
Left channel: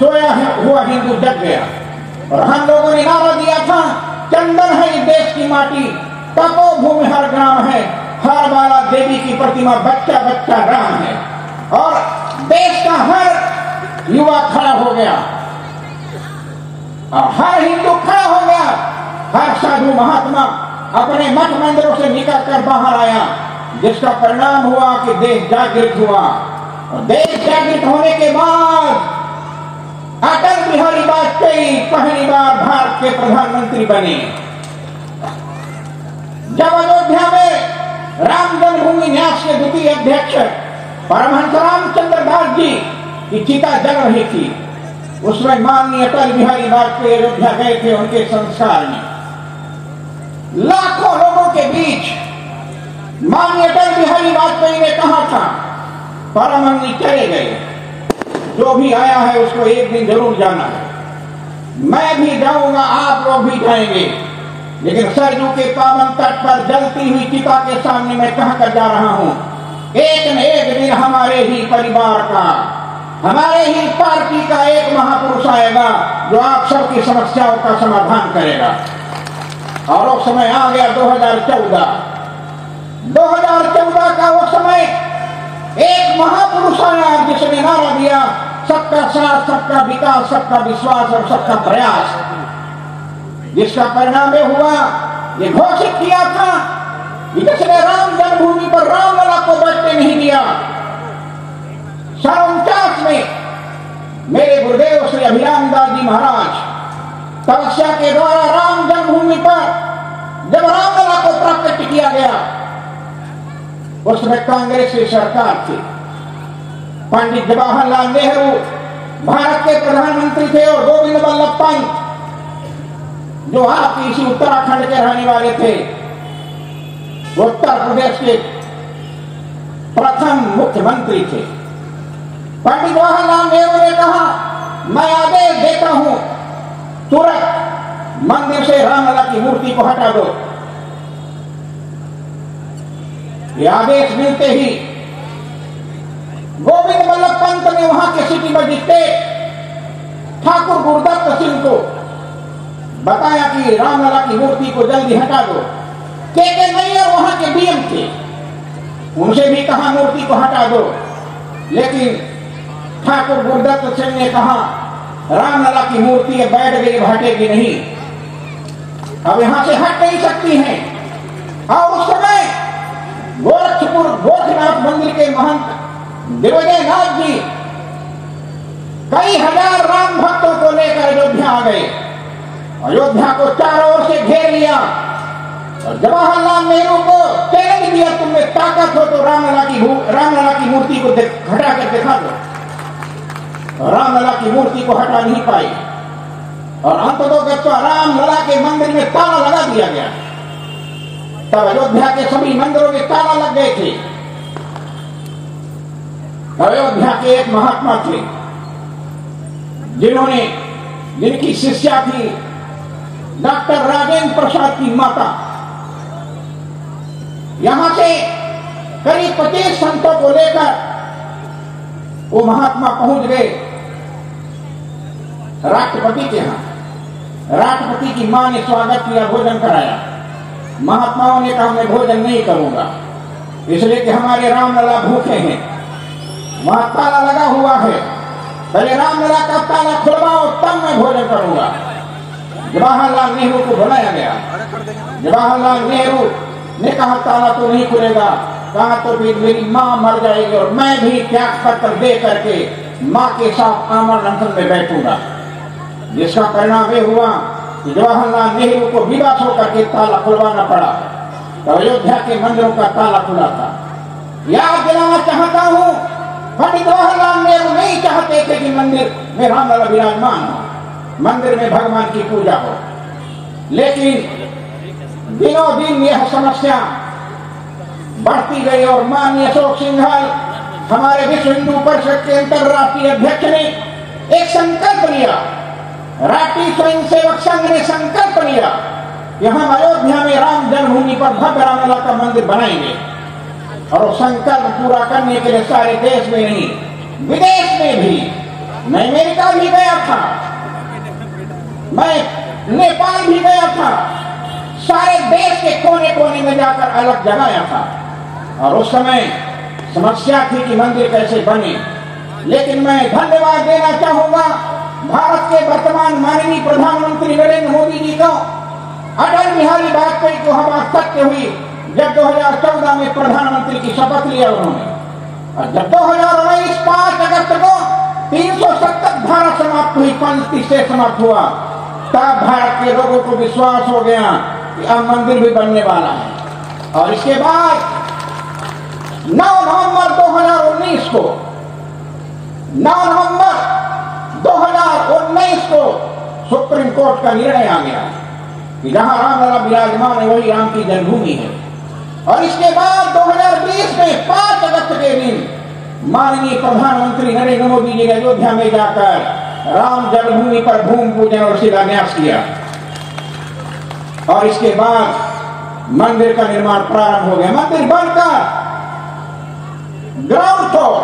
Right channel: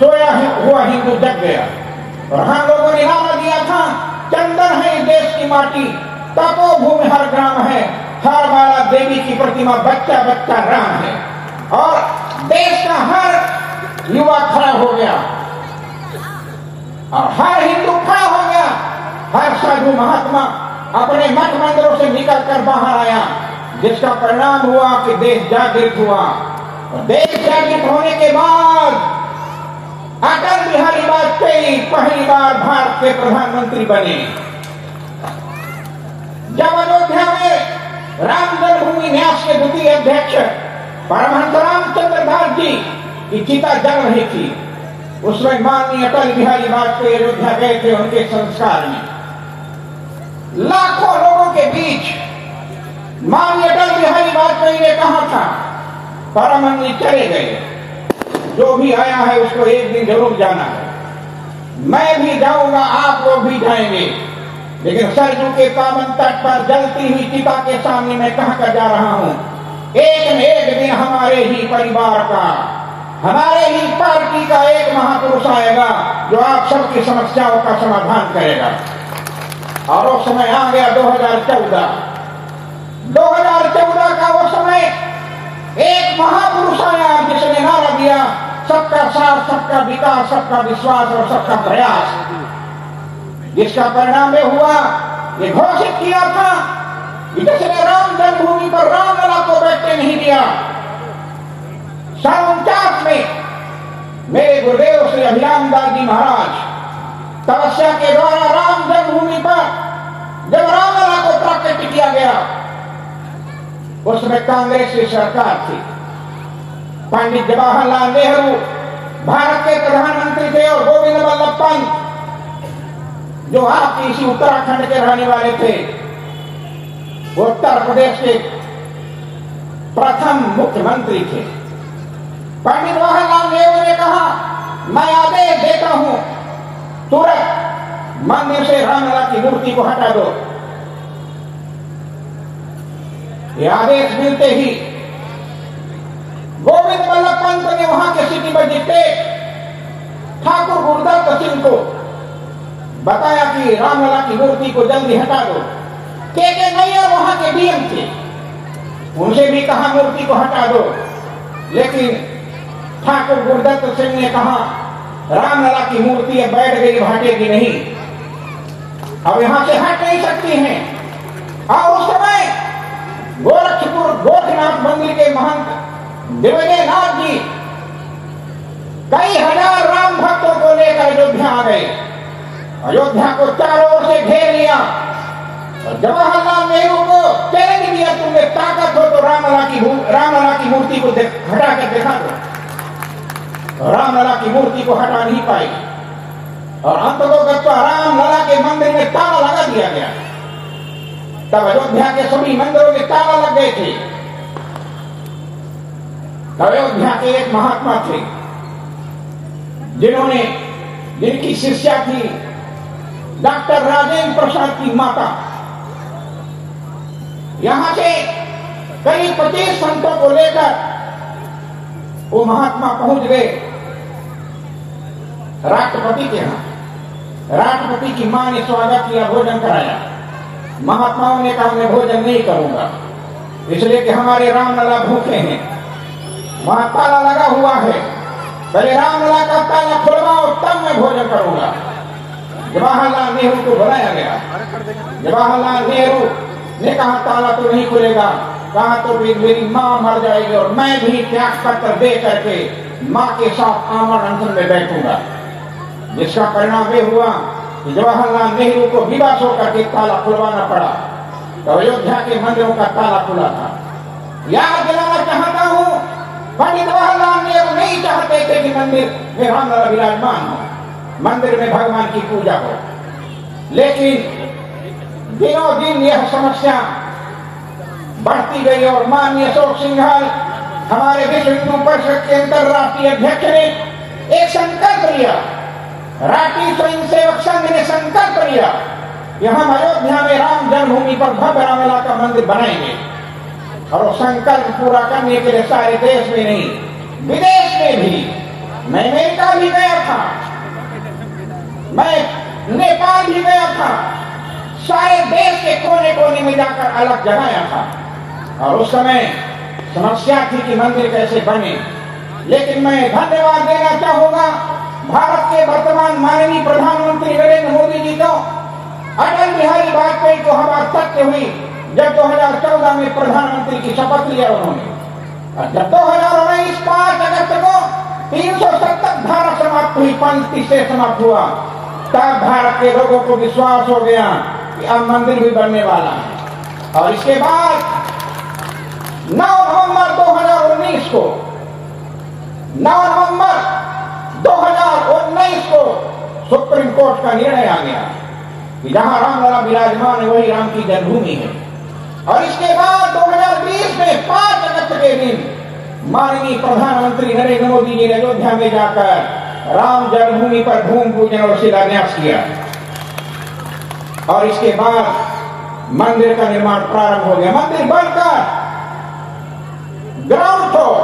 सोया हुआ हिंदू जग गया। और हम लोगों ने नारा दिया था, चंदन है इस देश की माटी, तपोभूमि हर ग्राम है, हर बाला देवी की प्रतिमा, बच्चा बच्चा राम है। और देश का हर युवा खड़ा हो गया, और हर हिंदू खड़ा हो गया, हर साधु महात्मा अपने मठ मंदिरों से निकलकर बाहर आया, जिसका परिणाम हुआ कि देश जागृत हुआ। और देश जागृत होने के बाद अटल बिहारी वाजपेयी पहली बार भारत के प्रधानमंत्री बने। जब अयोध्या में राम जन्मभूमि न्यास के द्वितीय अध्यक्ष परमहंस रामचंद्र दास जी की चिता जल रही थी, उसमें माननीय अटल बिहारी वाजपेयी अयोध्या गए थे। उनके संस्कार में लाखों लोगों के बीच माननीय अटल बिहारी वाजपेयी ने कहा था, परमहंस जी चले गए, जो भी आया है उसको एक दिन जरूर जाना है, मैं भी जाऊंगा, आप लोग भी जाएंगे, लेकिन सरजू के पावन तट पर जलती हुई चिता के सामने मैं कहकर जा रहा हूं, एक न एक दिन हमारे ही परिवार का, हमारे ही पार्टी का एक महापुरुष आएगा जो आप सबकी समस्याओं का समाधान करेगा। और वो समय आ गया 2014 का वो समय, एक महापुरुष आया जिसने नारा दिया, सबका साथ, सबका विकास, सबका विश्वास और सबका प्रयास। जिसका परिणाम यह हुआ, ये घोषित किया था कि जिसने राम जन्मभूमि पर रामलला को बैठने नहीं दिया। 49 में मेरे गुरुदेव श्री अभिराम दास जी महाराज तपस्या के द्वारा राम जन्मभूमि पर जब रामलला को प्राकट्य किया गया, उसमें कांग्रेस की सरकार थी। पंडित जवाहरलाल नेहरू भारत के प्रधानमंत्री थे, और गोविंद बल्लभ पंत जो आपकी इसी उत्तराखंड के रहने वाले थे, वो उत्तर प्रदेश के प्रथम मुख्यमंत्री थे। पंडित जवाहरलाल नेहरू ने कहा, मैं आदेश देता हूं, तुरंत मंदिर से रामलला की मूर्ति को हटा दो। ये आदेश मिलते ही गोविंद बल्लभ पंत ने वहां के सिटी मजिस्ट्रेट ठाकुर गुरदत्त सिंह को बताया कि रामलला की मूर्ति को जल्दी हटा दो। के नैयर वहां के डीएम थे, उनसे भी कहा मूर्ति को हटा दो, लेकिन ठाकुर गुरदत्त सिंह ने कहा, रामलला की मूर्ति बैठ गई, हटेगी नहीं, अब यहां से हट नहीं सकती है। और उस समय गोरखपुर गोरखनाथ मंदिर के महंत दिग्विजय नाथ जी कई हजार राम भक्तों को लेकर अयोध्या आ गए, अयोध्या को चारों ओर से घेर लिया, और जवाहरलाल नेहरू को चैलेंज दिया, तुमने ताकत हो तो रामलला की मूर्ति को हटा कर दिखा दो। रामलला की मूर्ति को हटा नहीं पाई, और अंततः रामलला के मंदिर में ताला लगा दिया गया। तब अयोध्या के सभी मंदिरों में ताला लग गए थे। अयोध्या के एक महात्मा थे, जिनकी शिष्या थी डॉक्टर राजेंद्र प्रसाद की माता। यहां से करीब 25 संतों को लेकर वो महात्मा पहुंच गए राष्ट्रपति के यहां। राष्ट्रपति की मां ने स्वागत किया, भोजन कराया। महात्माओं ने कहा, मैं भोजन नहीं करूंगा, इसलिए कि हमारे रामलला भूखे हैं, वहां ताला लगा हुआ है, पहले रामलला का ताला खुलवाओ तब मैं भोजन करूंगा। जवाहरलाल नेहरू को बुलाया गया। जवाहरलाल नेहरू ने कहा ताला तो नहीं खुलेगा। कहा तो भी मेरी माँ मर जाएगी और मैं भी त्याग पत्र दे करके माँ के साथ आमरण अनशन में बैठूंगा। जिसका परिणाम ये हुआ कि जवाहरलाल नेहरू को विवश होकर के ताला खुलवाना पड़ा। तो अयोध्या के मंदिरों का ताला खुला था। याद दिलाना चाहता हूँ, पंडित जवाहरलाल नेहरू नहीं चाहते थे कि मंदिर में रामलला विराजमान हो, मंदिर में भगवान की पूजा हो। लेकिन दिनों दिन यह समस्या बढ़ती गई और माननीय अशोक सिंघल हमारे विश्व हिंदू परिषद के अंतर्राष्ट्रीय अध्यक्ष ने एक संकल्प लिया। राष्ट्रीय स्वयं सेवक संघ ने संकल्प लिया कि हम अयोध्या में राम जन्मभूमि पर भव्य रामलला का मंदिर बनाएंगे। और वो संकल्प पूरा करने के लिए सारे देश में नहीं, विदेश में भी, मैं अमेरिका भी गया था, मैं नेपाल भी गया था, सारे देश के कोने कोने में जाकर अलग जगाया था। और उस समय समस्या थी कि मंदिर कैसे बने। लेकिन मैं धन्यवाद देना चाहूंगा भारत के वर्तमान माननीय प्रधानमंत्री नरेंद्र मोदी जी को, अटल बिहारी वाजपेयी को हमारा सत्य हुई जब 2014 में प्रधानमंत्री की शपथ लिया उन्होंने। और जब 2019 5 अगस्त को 370 धारा समाप्त हुई, 35 से समाप्त हुआ, तब भारत के लोगों को विश्वास हो गया कि अब मंदिर भी बनने वाला है। और इसके बाद 9 नवंबर 2019 को सुप्रीम कोर्ट का निर्णय आ गया कि जहां रामलला विराजमान है वही राम की जन्मभूमि है। और इसके बाद 2020 में 5 अगस्त के दिन माननीय प्रधानमंत्री नरेंद्र मोदी जी ने अयोध्या में जाकर राम जन्मभूमि पर भूमि पूजन और शिलान्यास किया। और इसके बाद मंदिर का निर्माण प्रारंभ हो गया। मंदिर बनकर ग्राउंड फ्लोर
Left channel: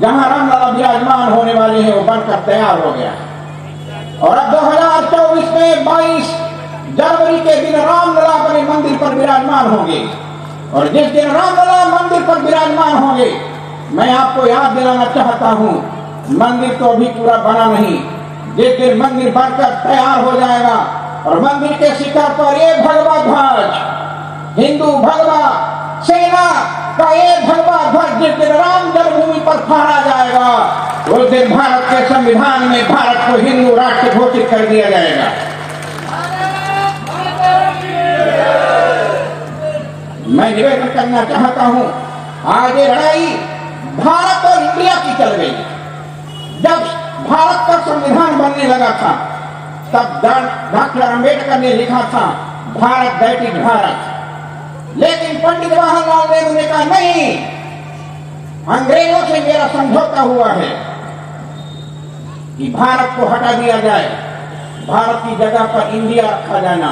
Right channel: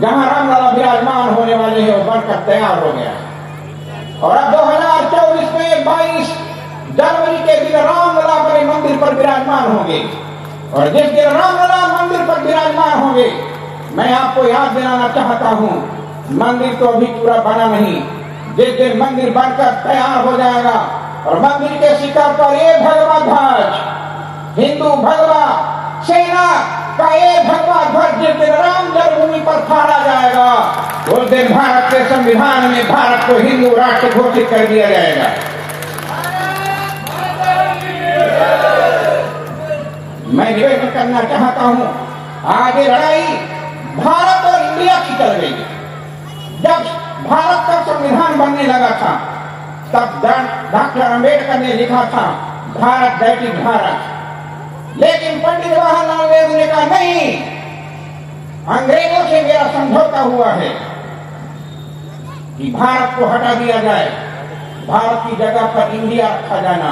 जहां रामलला विराजमान होने वाले हैं वो बनकर तैयार हो गया। और अब 2024 में 22 जनवरी के दिन रामलला अपने मंदिर पर विराजमान होंगे। और जिस दिन रामलला मंदिर पर विराजमान होंगे, मैं आपको याद दिलाना चाहता हूं, मंदिर तो अभी पूरा बना नहीं। जिस दिन मंदिर बनकर तैयार हो जाएगा और मंदिर के शिखर पर ये भगवा ध्वज, हिंदू भगवा सेना का ये भगवा ध्वज जिस दिन राम जन्मभूमि पर फहरा जाएगा, उस दिन भारत के संविधान में भारत को हिंदू राष्ट्र घोषित कर दिया जाएगा। मैं निवेदन करना चाहता हूं, आगे लड़ाई भारत और इंडिया की चल रही। जब भारत का संविधान बनने लगा था तब डॉक्टर अंबेडकर ने लिखा था भारत दैट इज भारत। लेकिन पंडित जवाहरलाल नेहरू ने कहा नहीं, अंग्रेजों से मेरा समझौता हुआ है कि भारत को हटा दिया जाए, भारत की जगह पर इंडिया रखा जाना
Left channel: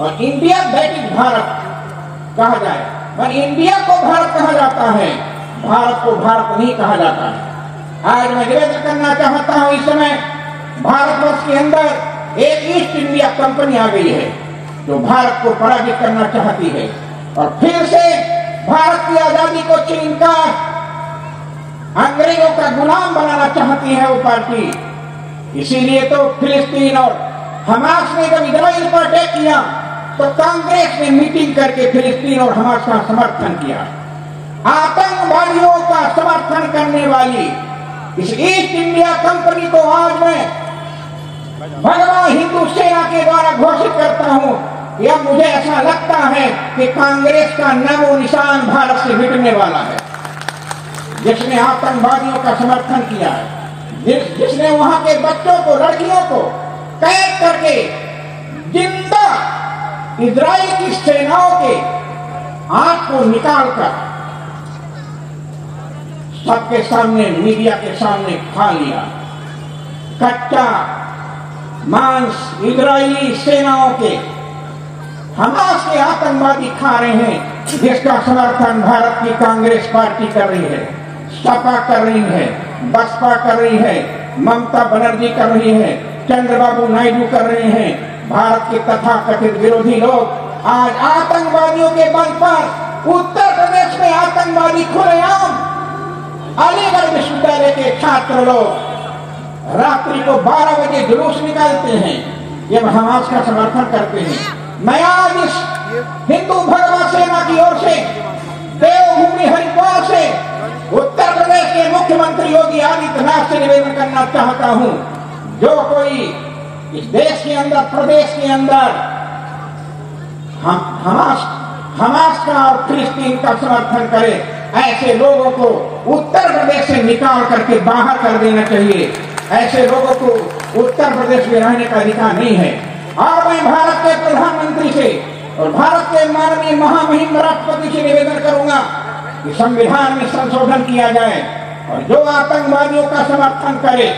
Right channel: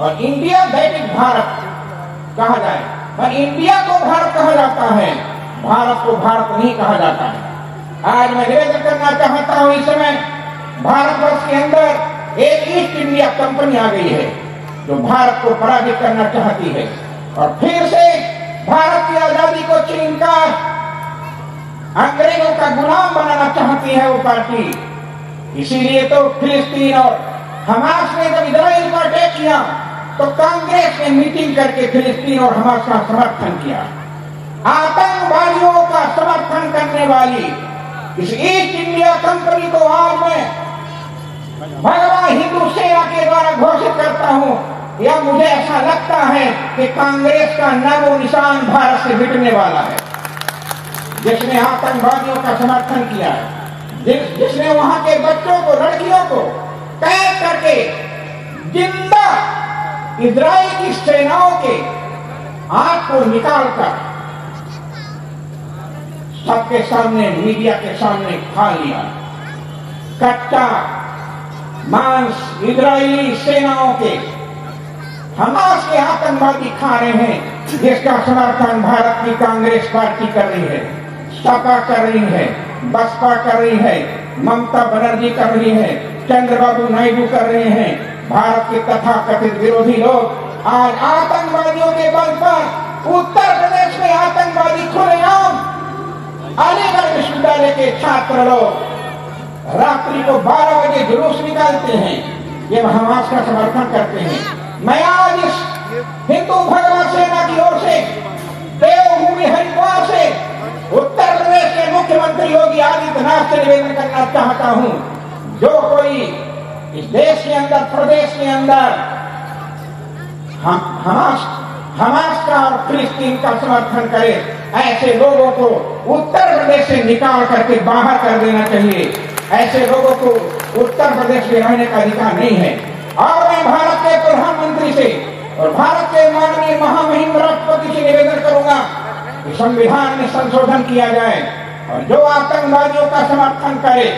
और इंडिया दैट इज भारत कहा जाए। और इंडिया को भारत कहा जाता है, भारत को भारत नहीं कहा जाता है। आज मैं निवेदन करना चाहता हूं, इस समय भारतवर्ष के अंदर एक ईस्ट इंडिया कंपनी आ गई है जो भारत को पराजित करना चाहती है और फिर से भारत की आजादी को छीनकर अंग्रेजों का गुलाम बनाना चाहती है वो पार्टी। इसीलिए तो फिलिस्तीन और हमास ने जब इजराइल पर अटैक किया तो कांग्रेस ने मीटिंग करके फिलिस्तीन और हमास का समर्थन किया। आतंकवादियों का समर्थन करने वाली इस ईस्ट इंडिया कंपनी को आज मैं भगवान हिंदू सेना के द्वारा घोषित करता हूं कि अब मुझे ऐसा लगता है कि कांग्रेस का नामो निशान भारत से मिटने वाला है। जिसने आतंकवादियों का समर्थन किया है, जिसने वहां के बच्चों को, लड़कियों को कैद करके जिंदा इजराइल की सेनाओं के आंख को निकालकर सबके सामने, मीडिया के सामने खा लिया। कच्चा मांस इजरायली सेनाओं के, हमास के आतंकवादी खा रहे हैं, जिसका समर्थन भारत की कांग्रेस पार्टी कर रही है, सपा कर रही है, बसपा कर रही है, ममता बनर्जी कर रही है, चंद्रबाबू नायडू कर रहे हैं। भारत के तथाकथित विरोधी लोग आज आतंकवादियों के बल पर उत्तर प्रदेश में आतंकवादी खुलेआम अलीगढ़ विश्वविद्यालय के छात्र लोग रात्रि को 12 बजे जुलूस निकालते हैं, ये हमास का समर्थन करते हैं। मैं आज इस हिंदू भगवा सेना की ओर से देवभूमि हरिद्वार से उत्तर प्रदेश के मुख्यमंत्री योगी आदित्यनाथ से निवेदन करना चाहता हूं, जो कोई इस देश के अंदर, प्रदेश के अंदर हमास का और फिलिस्तीन का समर्थन करे, ऐसे लोगों को उत्तर प्रदेश से निकाल करके बाहर कर देना चाहिए। ऐसे लोगों को उत्तर प्रदेश में रहने का अधिकार नहीं है। और मैं भारत के प्रधानमंत्री से और भारत के माननीय महामहिम राष्ट्रपति से निवेदन करूंगा कि संविधान में संशोधन किया जाए और जो आतंकवादियों का समर्थन करे,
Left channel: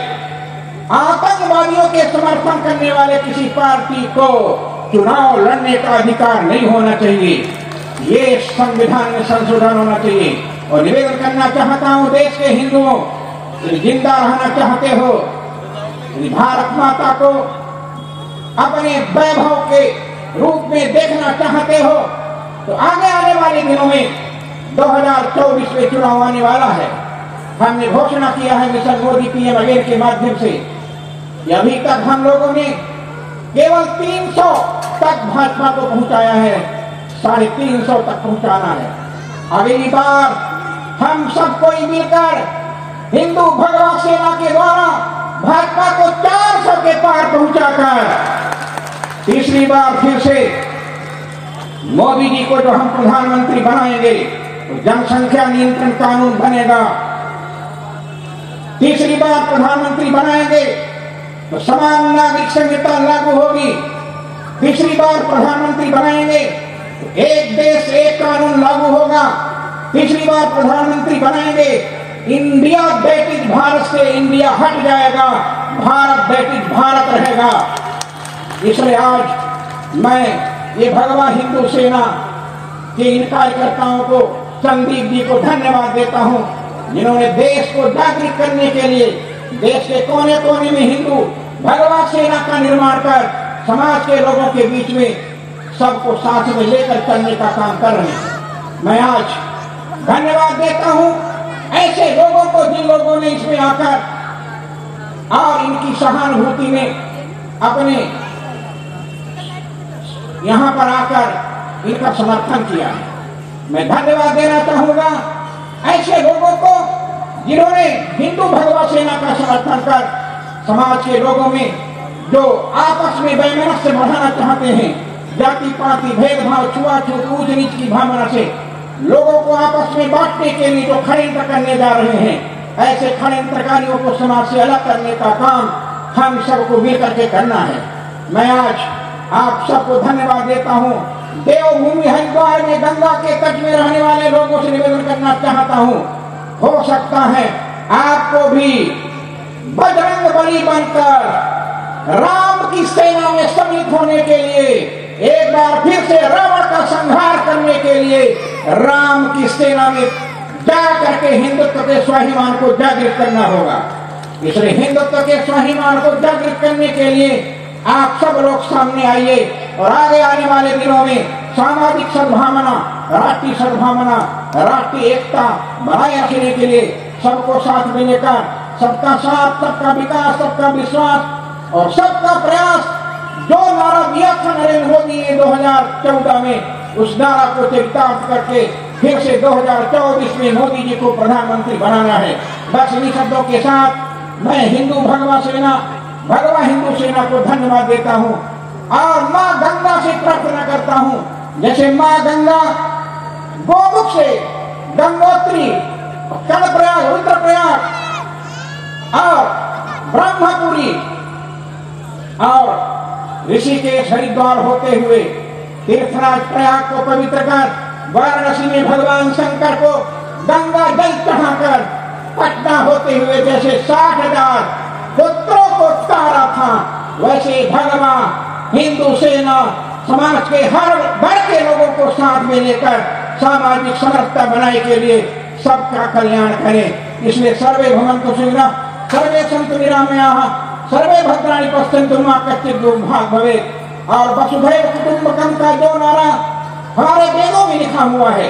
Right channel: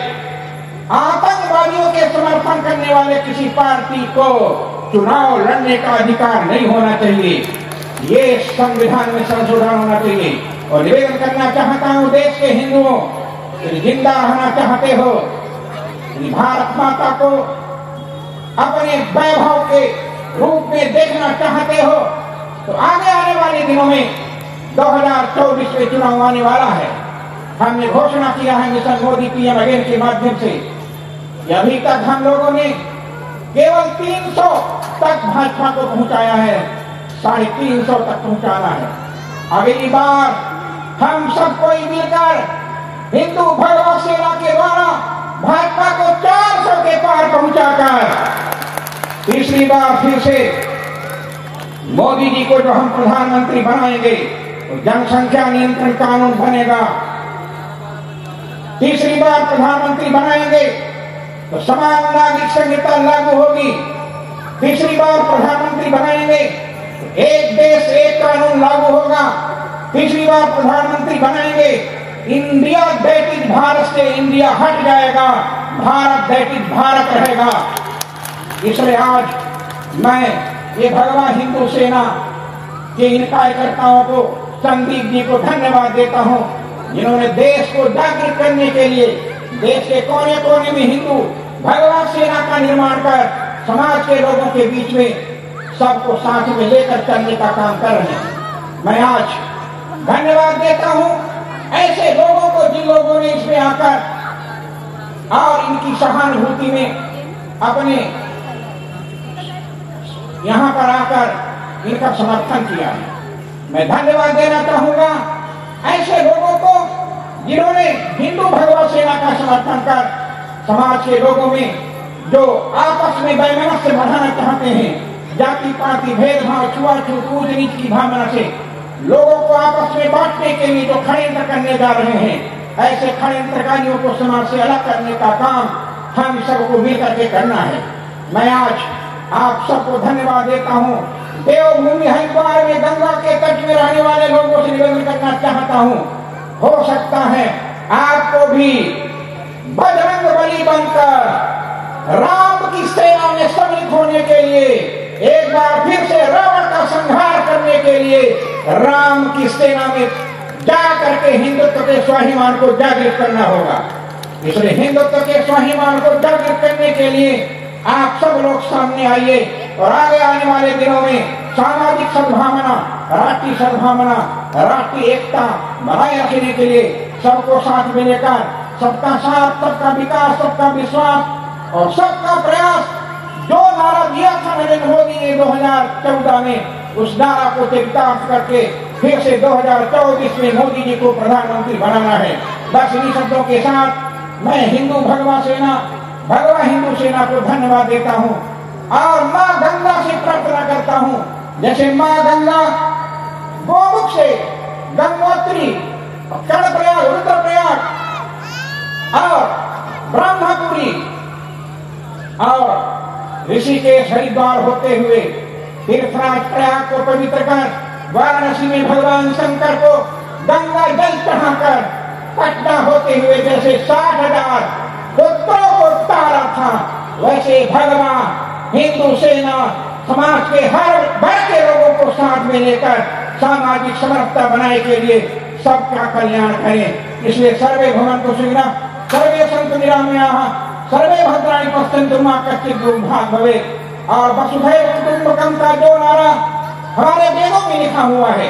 आतंकवादियों के समर्थन करने वाले किसी पार्टी को चुनाव लड़ने का अधिकार नहीं होना चाहिए। ये संविधान में संशोधन होना चाहिए। और निवेदन करना चाहता हूं देश के हिंदुओं, जिंदा रहना चाहते हो, भारत माता को अपने वैभव के रूप में देखना चाहते हो, तो आगे आने वाले दिनों में 2024 में चुनाव आने वाला है। हमने घोषणा किया है मिशन मोदी पीएम अगेन के माध्यम से, अभी तक हम लोगों ने केवल 300 तक भाजपा को पहुंचाया है, 350 तक पहुंचाना है। अगली बार हम सब कोई मिलकर हिंदू भगवा सेना के द्वारा भाजपा को 400 के पार पहुंचाकर तीसरी बार फिर से मोदी जी को जो हम प्रधानमंत्री बनाएंगे तो जनसंख्या नियंत्रण कानून बनेगा। तीसरी बार प्रधानमंत्री बनाएंगे तो समान नागरिक संहिता लागू होगी। तीसरी बार प्रधानमंत्री बनाएंगे तो एक देश एक कानून लागू होगा। तीसरी बार प्रधानमंत्री बनाएंगे, इंडिया व्यतीत भारत से इंडिया हट जाएगा, भारत व्यतीत भारत रहेगा। इसलिए आज मैं ये भगवा हिंदू सेना के इन कार्यकर्ताओं को, संदीप जी को धन्यवाद देता हूं, जिन्होंने देश को जागृत करने के लिए देश के कोने कोने में हिंदू भगवा सेना का निर्माण कर समाज के लोगों के बीच में सबको साथ में लेकर चलने का काम कर रहे हैं। मैं आज धन्यवाद देता हूं ऐसे लोगों को जिन लोगों ने इसमें आकर और इनकी सहानुभूति में अपने यहां पर आकर इनका समर्थन किया है। मैं धन्यवाद देना चाहूंगा ऐसे लोगों को जिन्होंने हिंदू भगवा सेना का समर्थन कर समाज के लोगों में जो आपस में वैमनस्य बढ़ाना चाहते हैं, जाति पाति भेदभाव, छुआछूत, ऊंच नीच की भावना से लोगों को आपस में बांटने के लिए जो षड्यंत्र करने जा रहे हैं, ऐसे षड्यंत्रकारियों को समाज से अलग करने का काम हम सबको मिलकर के करना है। मैं आज आप सबको धन्यवाद देता हूं। देवभूमि हरिद्वार में गंगा के तट में रहने वाले लोगों से निवेदन करना चाहता हूं, हो सकता है आपको भी बजरंग बली बनकर राम की सेना में सम्मिलित होने के लिए, एक बार फिर से रावण का संहार करने के लिए राम की सेना में जा करके हिंदुत्व के स्वाभिमान को जागृत करना होगा। इसलिए हिंदुत्व के स्वाभिमान को जागृत करने के लिए आप सब लोग सामने आइए और आगे आने वाले दिनों में सामाजिक सद्भावना, राष्ट्रीय सद्भावना, राष्ट्रीय एकता बनाए रखने के लिए सबको साथ में लेकर सबका साथ, सबका विकास, सबका विश्वास और सबका प्रयास जो नारा दिया था नरेंद्र मोदी ने 2014 में, उस नारा को चरितार्थ करके फिर से 2024 में मोदी जी को प्रधानमंत्री बनाना है। बस इन्हीं शब्दों के साथ मैं हिंदू भगवा सेना, भगवा हिंदू सेना को धन्यवाद देता हूं और मां गंगा से प्रार्थना करता हूं, जैसे मां गंगा गोमुख से गंगोत्री, कर्णप्रयाग, रुद्रप्रयाग और ब्रह्मपुरी और ऋषिकेश, हरिद्वार होते हुए तीर्थराज प्रयाग को पवित्र कर वाराणसी में भगवान शंकर को गंगा जल चढ़ाकर पटना होते हुए जैसे 60,000 पुत्रों को तारा था, वैसे भगवा हिंदू सेना समाज के हर वर्ग के लोगों को साथ में लेकर सामाजिक समरसता बनाने के लिए सबका कल्याण करे। इसलिए सर्वे भवन्तु सुखिनः, सर्वे सन्तु निरामयाः, सर्वे भद्राणि पश्यन्तु मा कश्चित् दुर्भाग् भवेत्। और वसुधैव कुटुम्बकम् का जो नारा हमारे वेदों में लिखा हुआ है,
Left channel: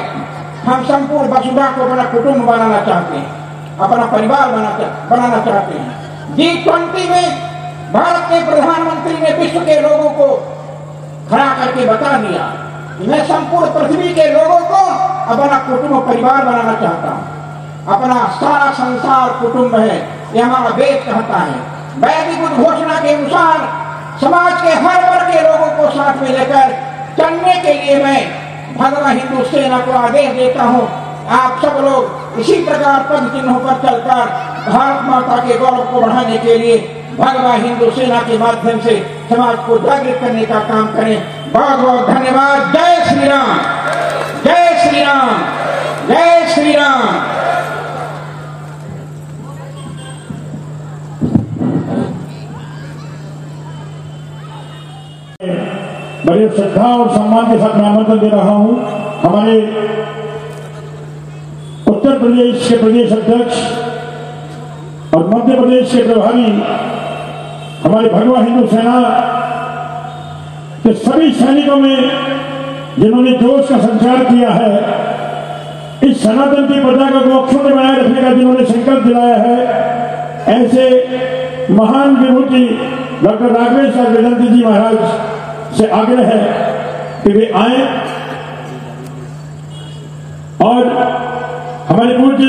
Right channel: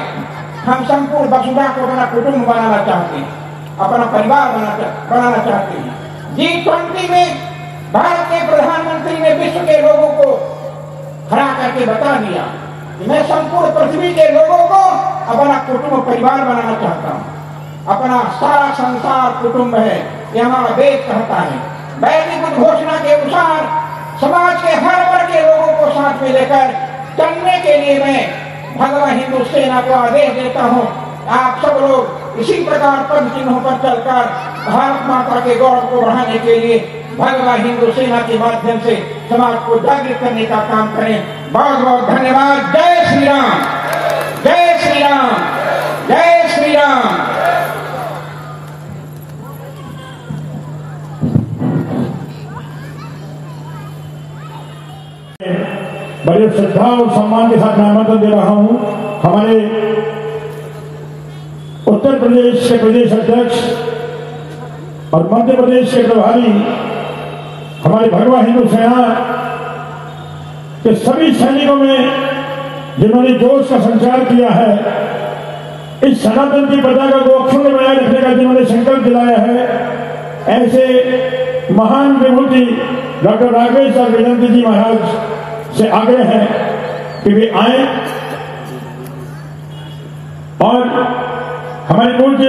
हम संपूर्ण वसुधा को अपना कुटुंब बनाना चाहते हैं। अपना परिवार बनाना चाहते हैं। G20 में भारत के प्रधानमंत्री ने विश्व के लोगों को खड़ा करके बता दिया कि मैं संपूर्ण पृथ्वी के लोगों को अपना कुटुंब परिवार बनाना चाहता हूं। अपना सारा संसार कुटुंब है, ये हमारा वेद कहता है। वैदिक उद्घोषणा के अनुसार समाज के हर वर्ग के लोगों को साथ में लेकर चलने के लिए मैं भगवान हिंदू सेना को आदेश देता हूं। आप सब लोग इसी प्रकार पद चिन्हों पर चलकर भारत माता के गौरव को बढ़ाने के लिए भगवान हिंदू सेना के माध्यम से समाज को जागृत करने का काम करें। बहुत बहुत धन्यवाद। जय श्री राम, जय श्री राम, जय श्री राम। बड़े श्रद्धा और सम्मान के साथ मैं आमंत्रण दे रहा हूं हमारे उत्तर प्रदेश के प्रदेश अध्यक्ष और मध्य प्रदेश के प्रभारी हमारी भगवा हिंदू सेना के सभी सैनिकों में जिन्होंने जोश का संचार किया है, इस सनातन की पताका को अक्षुण्ण बनाए रखने का जिन्होंने संकल्प दिलाया है, ऐसे महान विभूति डॉक्टर राघवेश्वर वेदांत जी महाराज से आग्रह है कि वे आए और हमारे पूज्य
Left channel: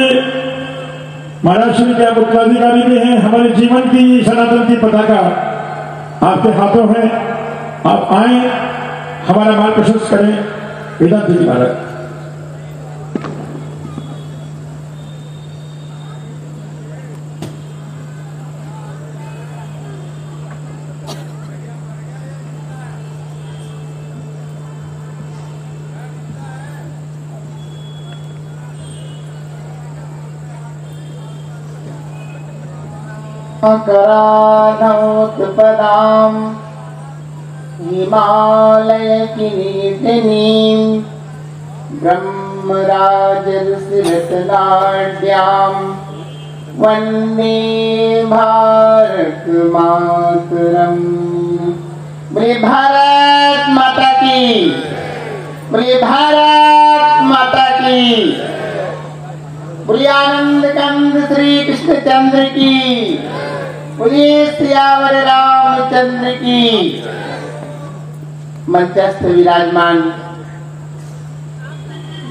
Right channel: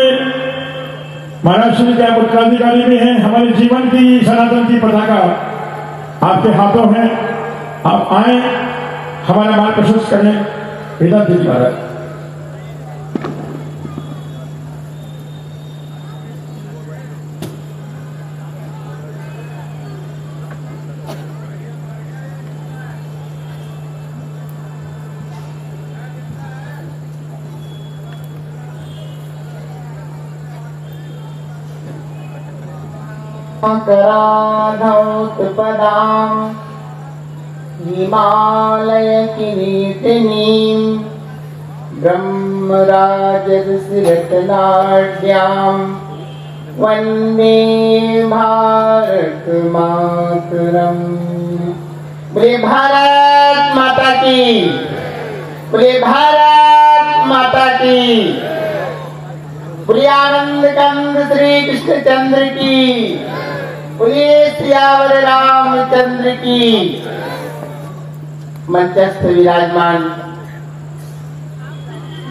महाराज श्री का उत्तराधिकारी भी हैं। हमारे जीवन की सनातन की पताका आपके हाथों है, आप आए, हमारा मार्ग प्रशस्त करें। वेदांत जी महाराज। कराधौतपदां हिमालय किरीटिनीं ब्रह्मराजरसरत्नाढ्यां वन्दे भारत मातरम्। बोले भारत माता की, बोले भारत माता की, बोले आनंद कंद श्री कृष्णचंद्र की, बोलिए सियावर रामचंद्र की। मंचस्थ विराजमान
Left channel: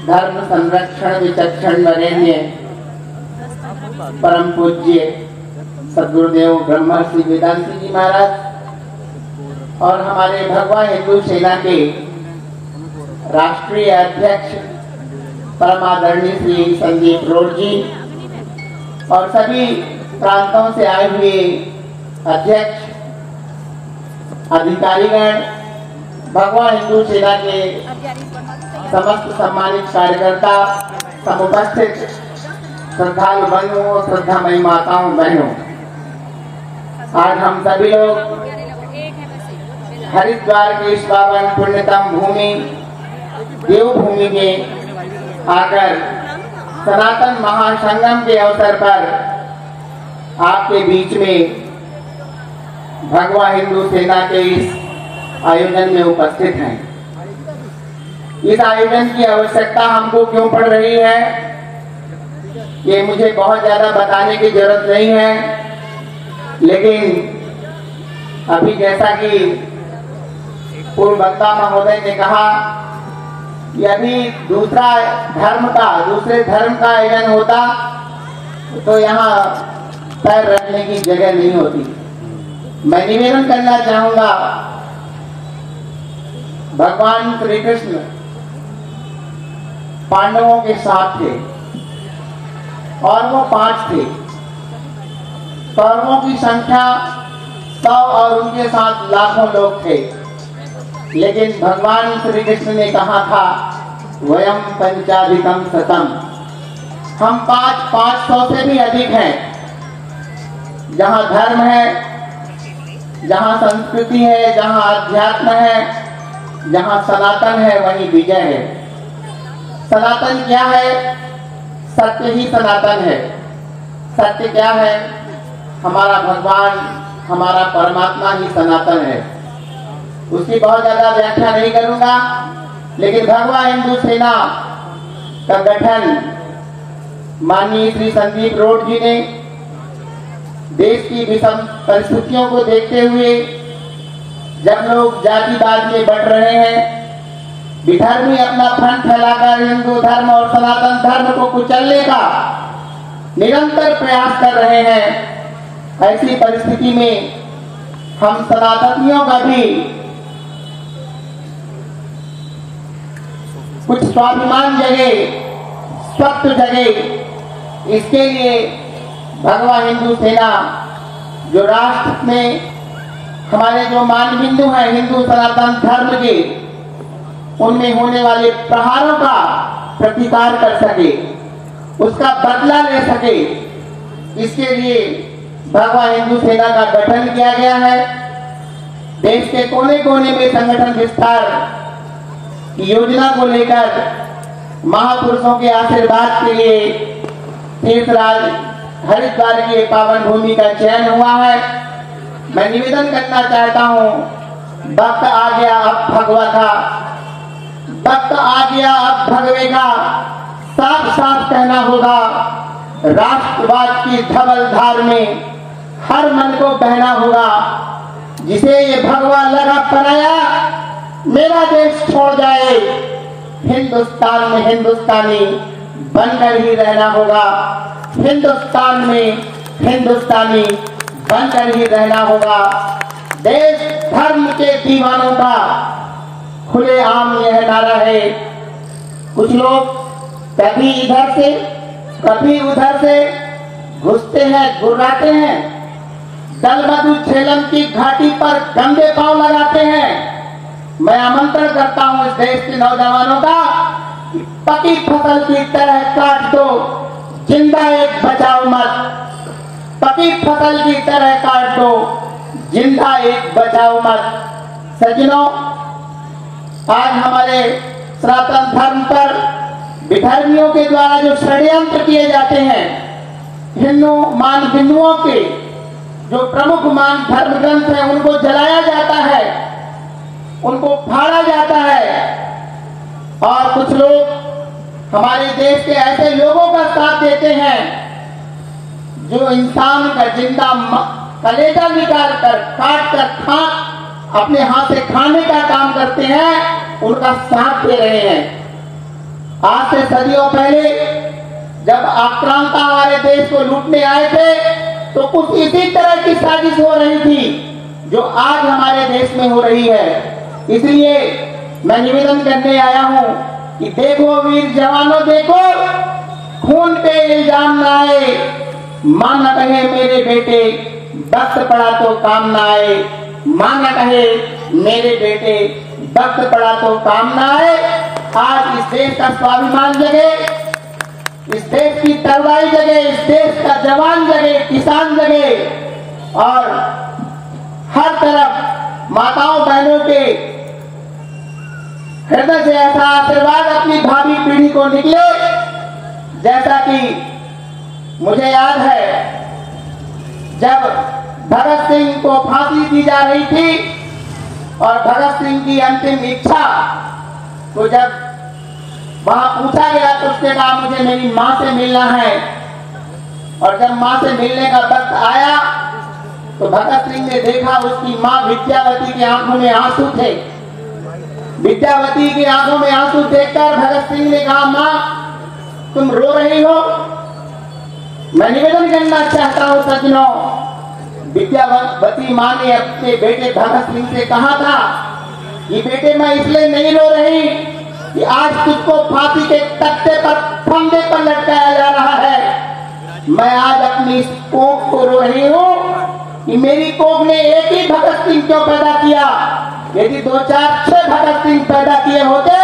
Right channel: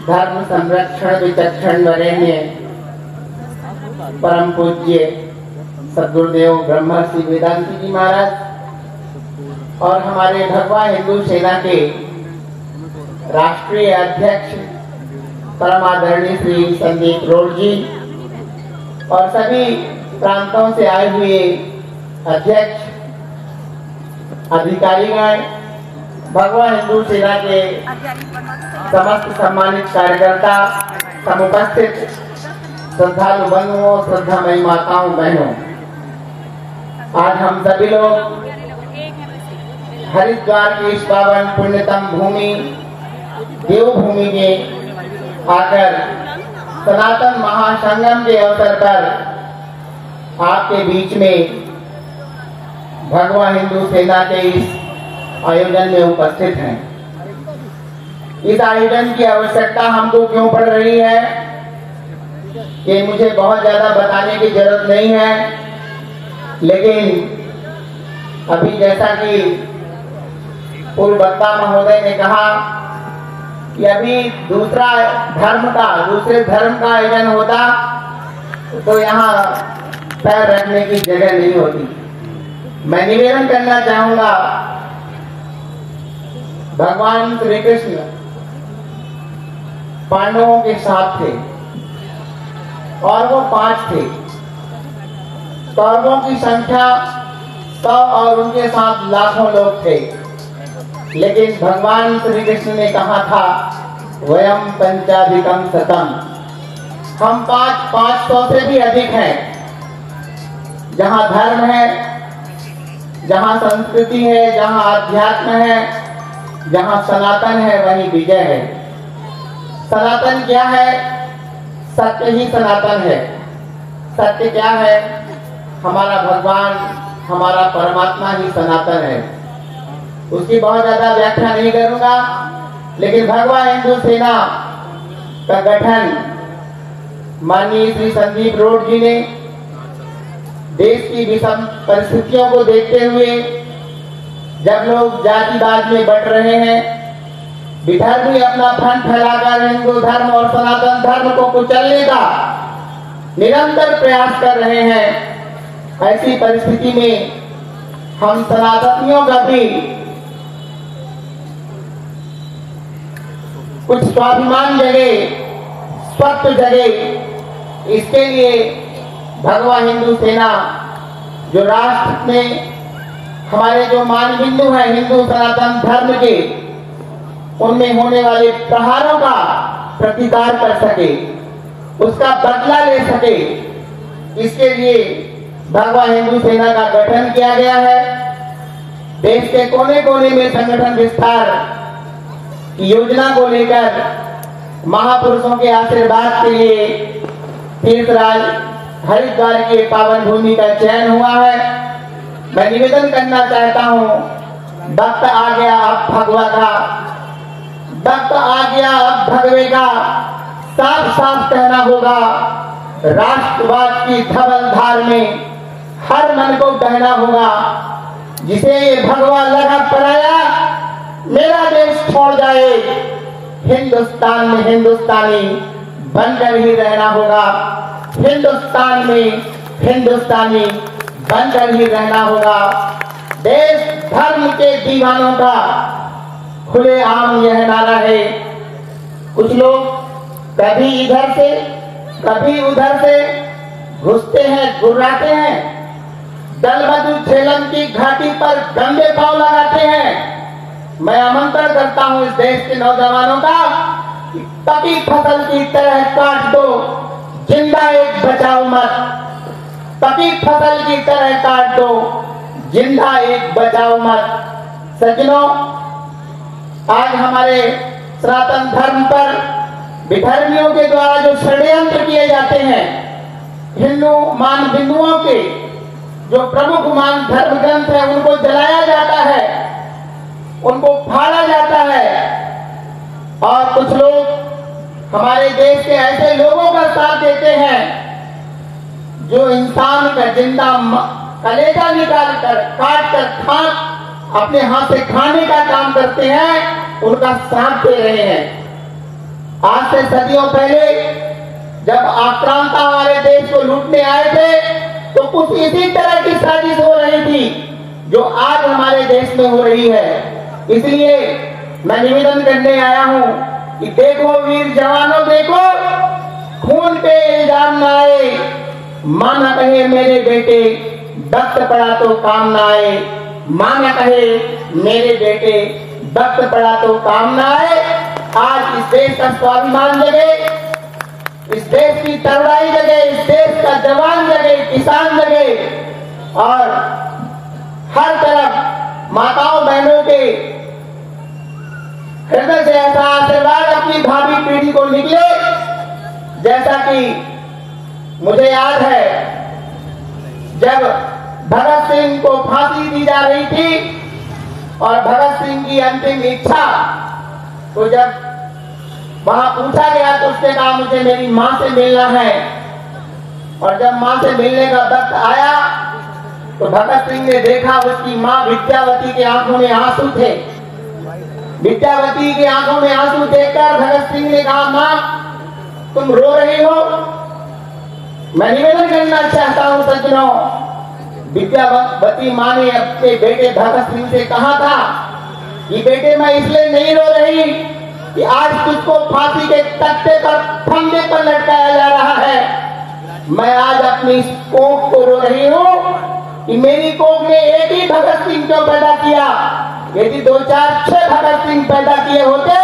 धर्म संरक्षण विचक्षण वरेण्य परम पूज्य सद्गुरुदेव ब्रह्मर्षि वेदांत जी महाराज और हमारे भगवा हिंदू सेना के राष्ट्रीय अध्यक्ष परम आदरणीय श्री संदीप रोड जी और सभी प्रांतों से आए हुए अध्यक्ष, अधिकारीगण, भगवा हिंदू सेना के समस्त सम्मानित कार्यकर्ता, समुपस्थित श्रद्धालु बंधुओं, श्रद्धामयी माताओं, बहनों, आज हम सभी लोग हरिद्वार के इस पावन पुण्यतम भूमि देवभूमि में आकर सनातन महासंगम के अवसर पर आपके बीच में भगवा हिंदू सेना के इस आयोजन में उपस्थित हैं। इस आयोजन की आवश्यकता हमको क्यों पड़ रही है, ये मुझे बहुत ज्यादा बताने की जरूरत नहीं है, लेकिन अभी जैसा कि पूर्व वक्ता महोदय ने कहा कि अभी दूसरे धर्म का आयोजन होता तो यहाँ पैर रखने की जगह नहीं होती। मैं निवेदन करना चाहूंगा, भगवान श्री कृष्ण पांडवों के साथ थे और वो 5 थे। कौरवों की संख्या 100 और उनके साथ लाखों लोग थे, लेकिन भगवान श्री कृष्ण ने कहा था वयम पंचाधिकम शतम, हम 500 से भी अधिक हैं। जहाँ धर्म है, जहाँ संस्कृति है, जहाँ अध्यात्म है, जहाँ सनातन है, वहीं विजय है। सनातन क्या है? सत्य ही सनातन है। सत्य क्या है? हमारा भगवान, हमारा परमात्मा ही सनातन है। उसकी बहुत ज्यादा व्याख्या नहीं करूंगा, लेकिन भगवा हिंदू सेना का गठन माननीय श्री संदीप रोड जी ने देश की विषम परिस्थितियों को देखते हुए जब लोग जातिवाद में बढ़ रहे हैं, विधर्मी अपना फ्रंट फैलाकर हिंदू धर्म और सनातन धर्म को कुचलने का निरंतर प्रयास कर रहे हैं, ऐसी परिस्थिति में हम सनातनियों का भी कुछ स्वाभिमान जगे, सत्य जगे। इसके लिए भगवा हिंदू सेना जो राष्ट्र में हमारे जो मानबिंदु हैं हिंदू सनातन धर्म के, उनमें होने वाले प्रहारों का प्रतिकार कर सके, उसका बदला ले सके, इसके लिए भगवा हिंदू सेना का गठन किया गया है। देश के कोने कोने में संगठन विस्तार की योजना को लेकर महापुरुषों के आशीर्वाद के लिए तीर्थराज हरिद्वार की पावन भूमि का चयन हुआ है। मैं निवेदन करना चाहता हूं, वक्त आ गया अब भगवा का, वक्त आ गया अब भगवे का साफ साफ कहना होगा। राष्ट्रवाद की धवल धार में हर मन को बहना होगा। जिसे ये भगवा लगा पराया, मेरा देश छोड़ जाए, हिंदुस्तान में हिंदुस्तानी बनकर ही रहना होगा। हिंदुस्तान में हिंदुस्तानी बनकर ही रहना होगा। देश धर्म के दीवानों का खुलेआम यह नारा है। कुछ लोग कभी इधर से कभी उधर से घुसते हैं, गुर्राते हैं, दलबदू झेलम की घाटी पर गंदे पांव लगाते हैं। मैं आमंत्रण करता हूं इस देश के नौजवानों का कि पकी फसल की तरह काट दो, जिंदा एक बचाओ मत। पकी फसल की तरह काट दो, जिंदा एक बचाओ मत। सज्जनों, आज हमारे सनातन धर्म पर विधर्मियों के द्वारा जो षड्यंत्र किए जाते हैं, हिंदू मान बिंदुओं के जो प्रमुख मान धर्म ग्रंथ है उनको जलाया जाता है, उनको फाड़ा जाता है, और कुछ लोग हमारे देश के ऐसे लोगों का साथ देते हैं जो इंसान का जिंदा कलेजा निकाल कर काट कर अपने हाथ से खाने का काम करते हैं, उनका साथ दे रहे हैं। आज से सदियों पहले जब आक्रांता हमारे देश को लूटने आए थे तो कुछ इसी तरह की साजिश हो रही थी जो आज हमारे देश में हो रही है। इसलिए मैं निवेदन करने आया हूं कि देखो वीर जवानों, देखो खून पे इल्जाम न आए, मां न कहे मेरे बेटे वक्त पड़ा तो काम न आए, मां न कहे मेरे बेटे वक्त पड़ा तो काम न आए। आज इस देश का स्वाभिमान जगे, इस देश की तरुणाई जगे, इस देश का जवान जगे, किसान जगे, और हर तरफ माताओं बहनों के हृदय से ऐसा आशीर्वाद अपनी भावी पीढ़ी को निकले। जैसा कि मुझे याद है जब भगत सिंह को फांसी दी जा रही थी और भगत सिंह की अंतिम इच्छा, तो जब वहां पूछा गया तो उसने कहा मुझे मेरी मां से मिलना है। और जब मां से मिलने का वक्त आया तो भगत सिंह ने देखा उसकी मां विद्यावती के आंखों में आंसू थे। विद्यावती की आंखों में आंसू देखकर भगत सिंह ने कहा, मां तुम रो रही हो? मैं निवेदन करना चाहता हूं सज्जनों, विद्यावती मां ने अपने बेटे भगत सिंह से कहा था कि बेटे मैं इसलिए नहीं रो रही कि आज तुझको फांसी के तख्ते पर फंदे पर लटकाया जा रहा है। मैं आज अपनी इस कोख को रो रही हूं कि मेरी कोख ने एक ही भगत सिंह क्यों पैदा किया। यदि 2, 4, 6 भगत सिंह पैदा किए होते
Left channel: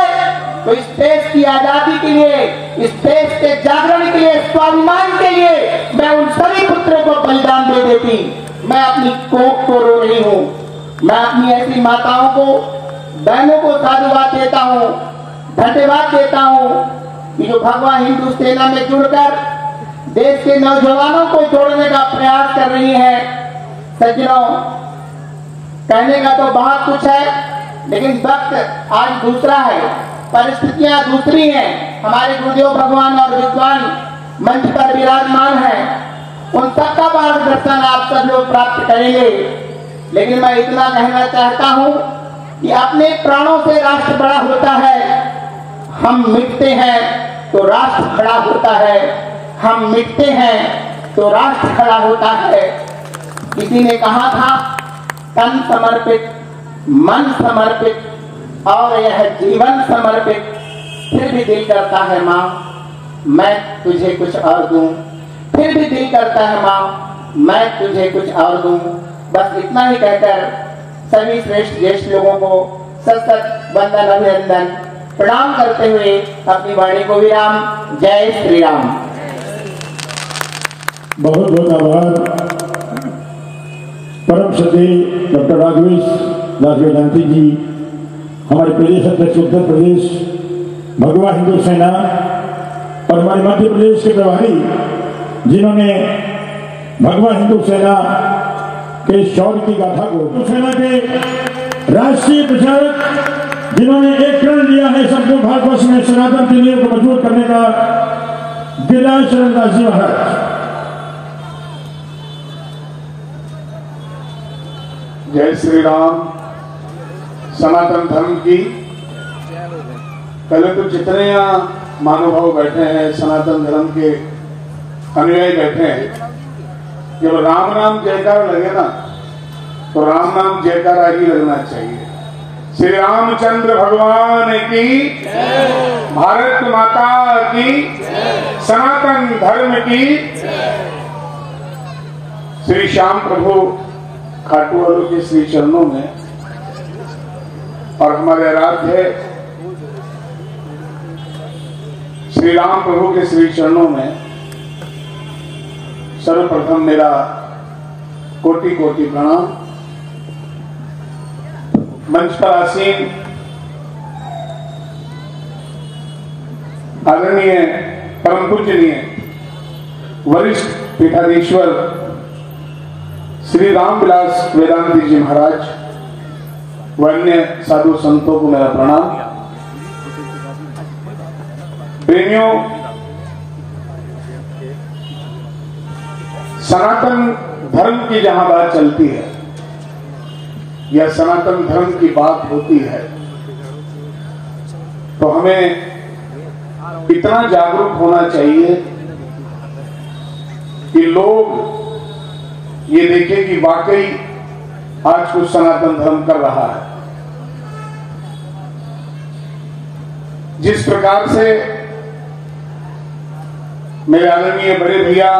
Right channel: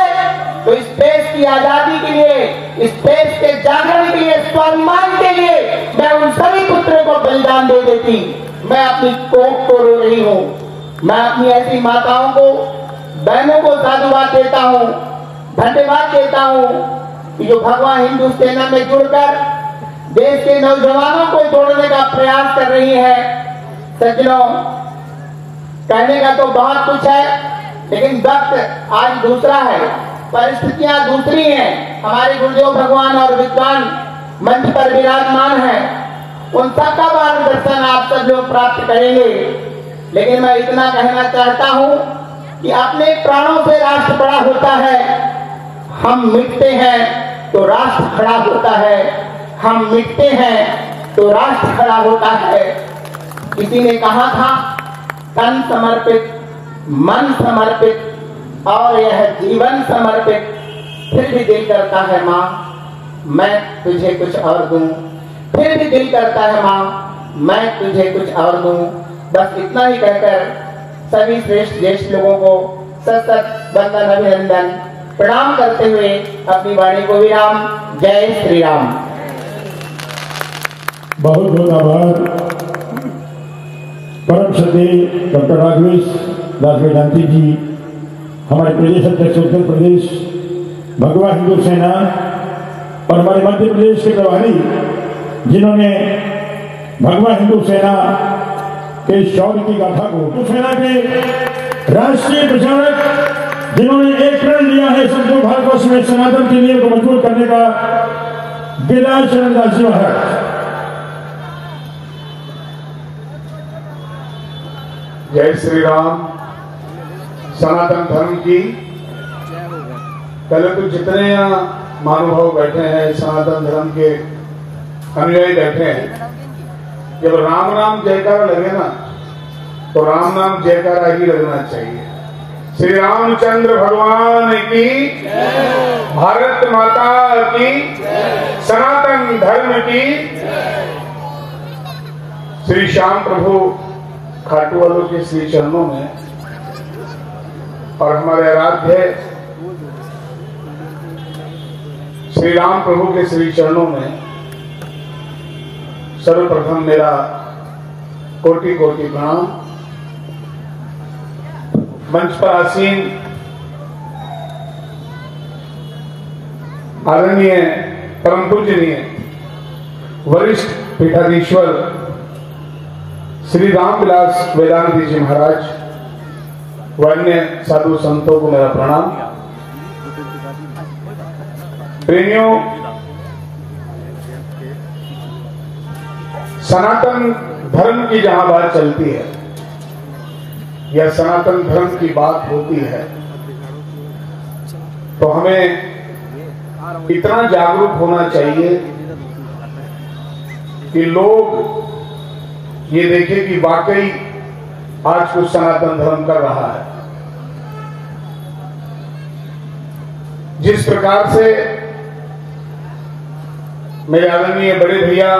तो इस देश की आजादी के लिए, इस देश के जागरण के लिए, स्वाभिमान के लिए मैं उन सभी पुत्रों को बलिदान दे देती। मैं अपनी कोख को रो रही हूं। मैं अपनी ऐसी माताओं को, बहनों को साधुवाद देता हूं, धन्यवाद देता हूं कि जो भगवा हिंदू सेना में जुड़कर देश के नौजवानों को जोड़ने का प्रयास कर रही है। सज्जनों, कहने का तो बहुत कुछ है, लेकिन वक्त आज दूसरा है, परिस्थितियां दूसरी हैं। हमारे गुरुदेव भगवान और विद्वान मंच पर विराजमान है, उन सबका मार्गदर्शन आप सब लोग प्राप्त करेंगे। लेकिन मैं इतना कहना चाहता हूं कि अपने प्राणों से राष्ट्र बड़ा होता है। हम मिटते हैं तो राष्ट्र खड़ा होता है, हम मिटते हैं तो राष्ट्र खड़ा होता है। किसी ने कहा था, तन समर्पित, मन समर्पित और यह जीवन समर्पित। फिर भी दिल करता है माँ मैं तुझे कुछ और दूं, फिर भी दिल करता है माँ मैं तुझे कुछ और दूं। बस इतना ही कहकर सभी श्रेष्ठ ज्येष्ठ लोगों को सत वंदन अभिनंदन प्रणाम करते हुए अपनी वाणी को विराम। जय श्री राम। बहुत बहुत आभार परम श्रद्धेय डॉक्टर राघवेश दास वेदांती जी, हमारे प्रदेश अध्यक्ष उत्तर प्रदेश भगवा हिंदू सेना और हमारे मध्य प्रदेश के प्रभारी जिन्होंने भगवा हिंदू सेना के शौर्य की गाथा को, हिंदू सेना के राष्ट्रीय प्रचारक जिन्होंने एक प्रण लिया है संपूर्ण भारतवर्ष में सनातन की नींव को मजबूत करने का, गिरिराज चरणदास जी महाराज। जय श्री राम। सनातन धर्म की पहले तो जितने यहाँ महानुभाव बैठे हैं, सनातन धर्म के अनुयायी बैठे हैं, जब राम नाम जयकार लगे ना तो राम नाम जयकारा ही लगना चाहिए। श्री रामचंद्र भगवान की, भारत माता की, सनातन धर्म की। श्री श्याम प्रभु खाटू वालों के श्री चरणों में और हमारे आराध्य श्री राम प्रभु के श्री चरणों में सर्वप्रथम मेरा कोटि कोटि प्रणाम। मंच पर आसीन आदरणीय परम पूजनीय वरिष्ठ पीठाधीश्वर श्री रामविलास वेदांती जी महाराज व अन्य साधु संतों को मेरा प्रणाम। प्रेमियों, सनातन धर्म की जहां बात चलती है या सनातन धर्म की बात होती है तो हमें इतना जागरूक होना चाहिए कि लोग ये देखें कि वाकई आज कुछ सनातन धर्म कर रहा है। जिस प्रकार से मेरे आदरणीय बड़े भैया,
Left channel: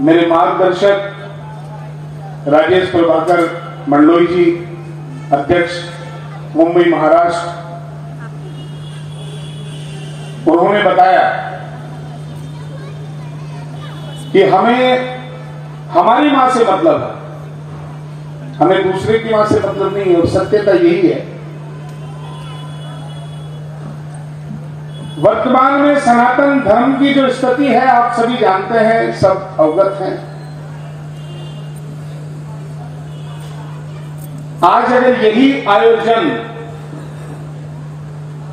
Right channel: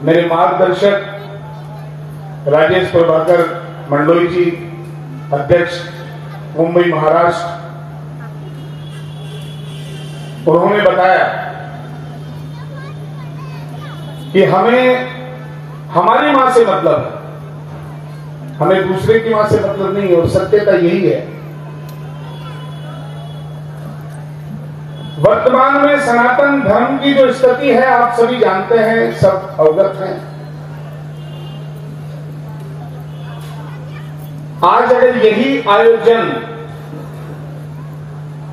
मेरे मार्गदर्शक राजेश प्रभाकर मंडलोई जी, अध्यक्ष मुंबई महाराष्ट्र, उन्होंने बताया कि हमें हमारी मां से मतलब है, हमें दूसरे की मां से मतलब नहीं है। और सत्यता यही है। वर्तमान में सनातन धर्म की जो स्थिति है आप सभी जानते हैं, सब अवगत हैं। आज अगर यही आयोजन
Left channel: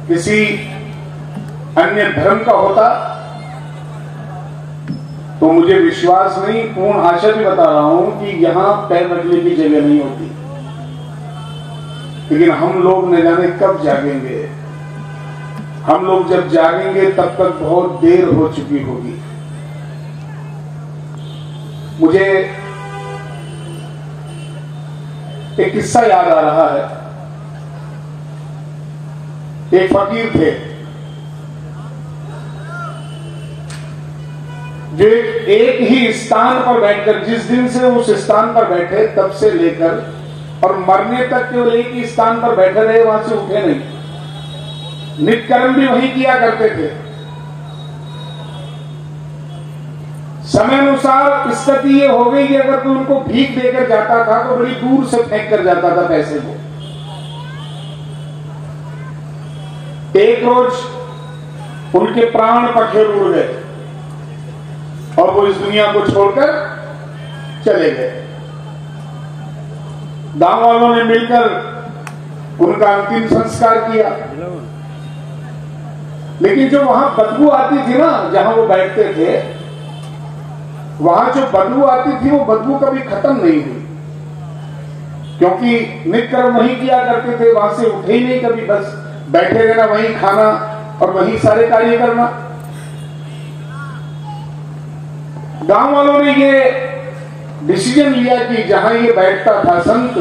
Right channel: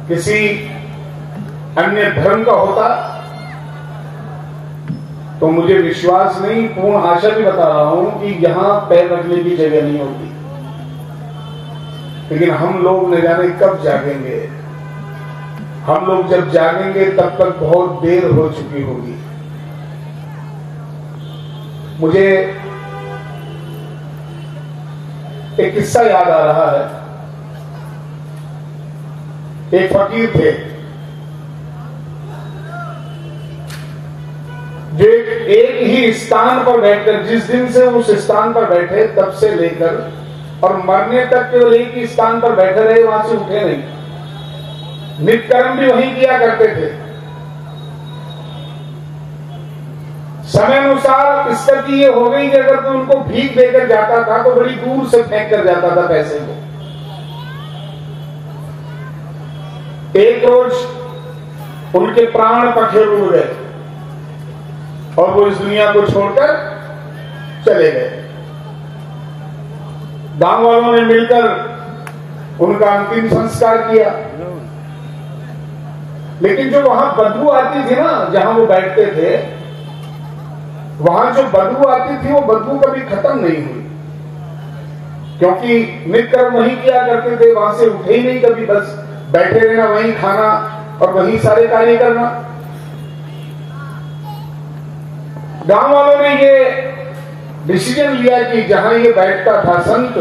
किसी अन्य धर्म का होता तो मुझे विश्वास नहीं, पूर्ण आशा भी बता रहा हूं कि यहां पैर रखने की जगह नहीं होती। लेकिन हम लोग न जाने कब जागेंगे। हम लोग जब जागेंगे तब तक बहुत देर हो चुकी होगी। मुझे एक किस्सा याद आ रहा है। एक फकीर थे जो एक ही स्थान पर बैठकर, जिस दिन से उस स्थान पर बैठे तब से लेकर और मरने तक केवल एक ही स्थान पर बैठे रहे, वहां से उठे नहीं। नित्य कर्म भी वही किया करते थे। समय अनुसार स्थिति ये हो गई कि अगर कोई उनको भीख देकर जाता था तो बड़ी दूर से फेंक कर जाता था पैसे को। एक रोज उनके प्राण पखेर उड़ गए और वो इस दुनिया को छोड़कर चले गए। गांव वालों ने मिलकर उनका अंतिम संस्कार किया। लेकिन जो वहां बदबू आती थी ना, जहां वो बैठते थे, वहां जो बदबू आती थी वो बदबू कभी खत्म नहीं हुई, क्योंकि नित्य कर्म नहीं किया करते थे, वहां से उठे ही नहीं कभी, बस बैठे रहना, वहीं खाना और वहीं सारे कार्य करना। गांव वालों ने ये डिसीजन लिया कि जहां ये बैठता था संत,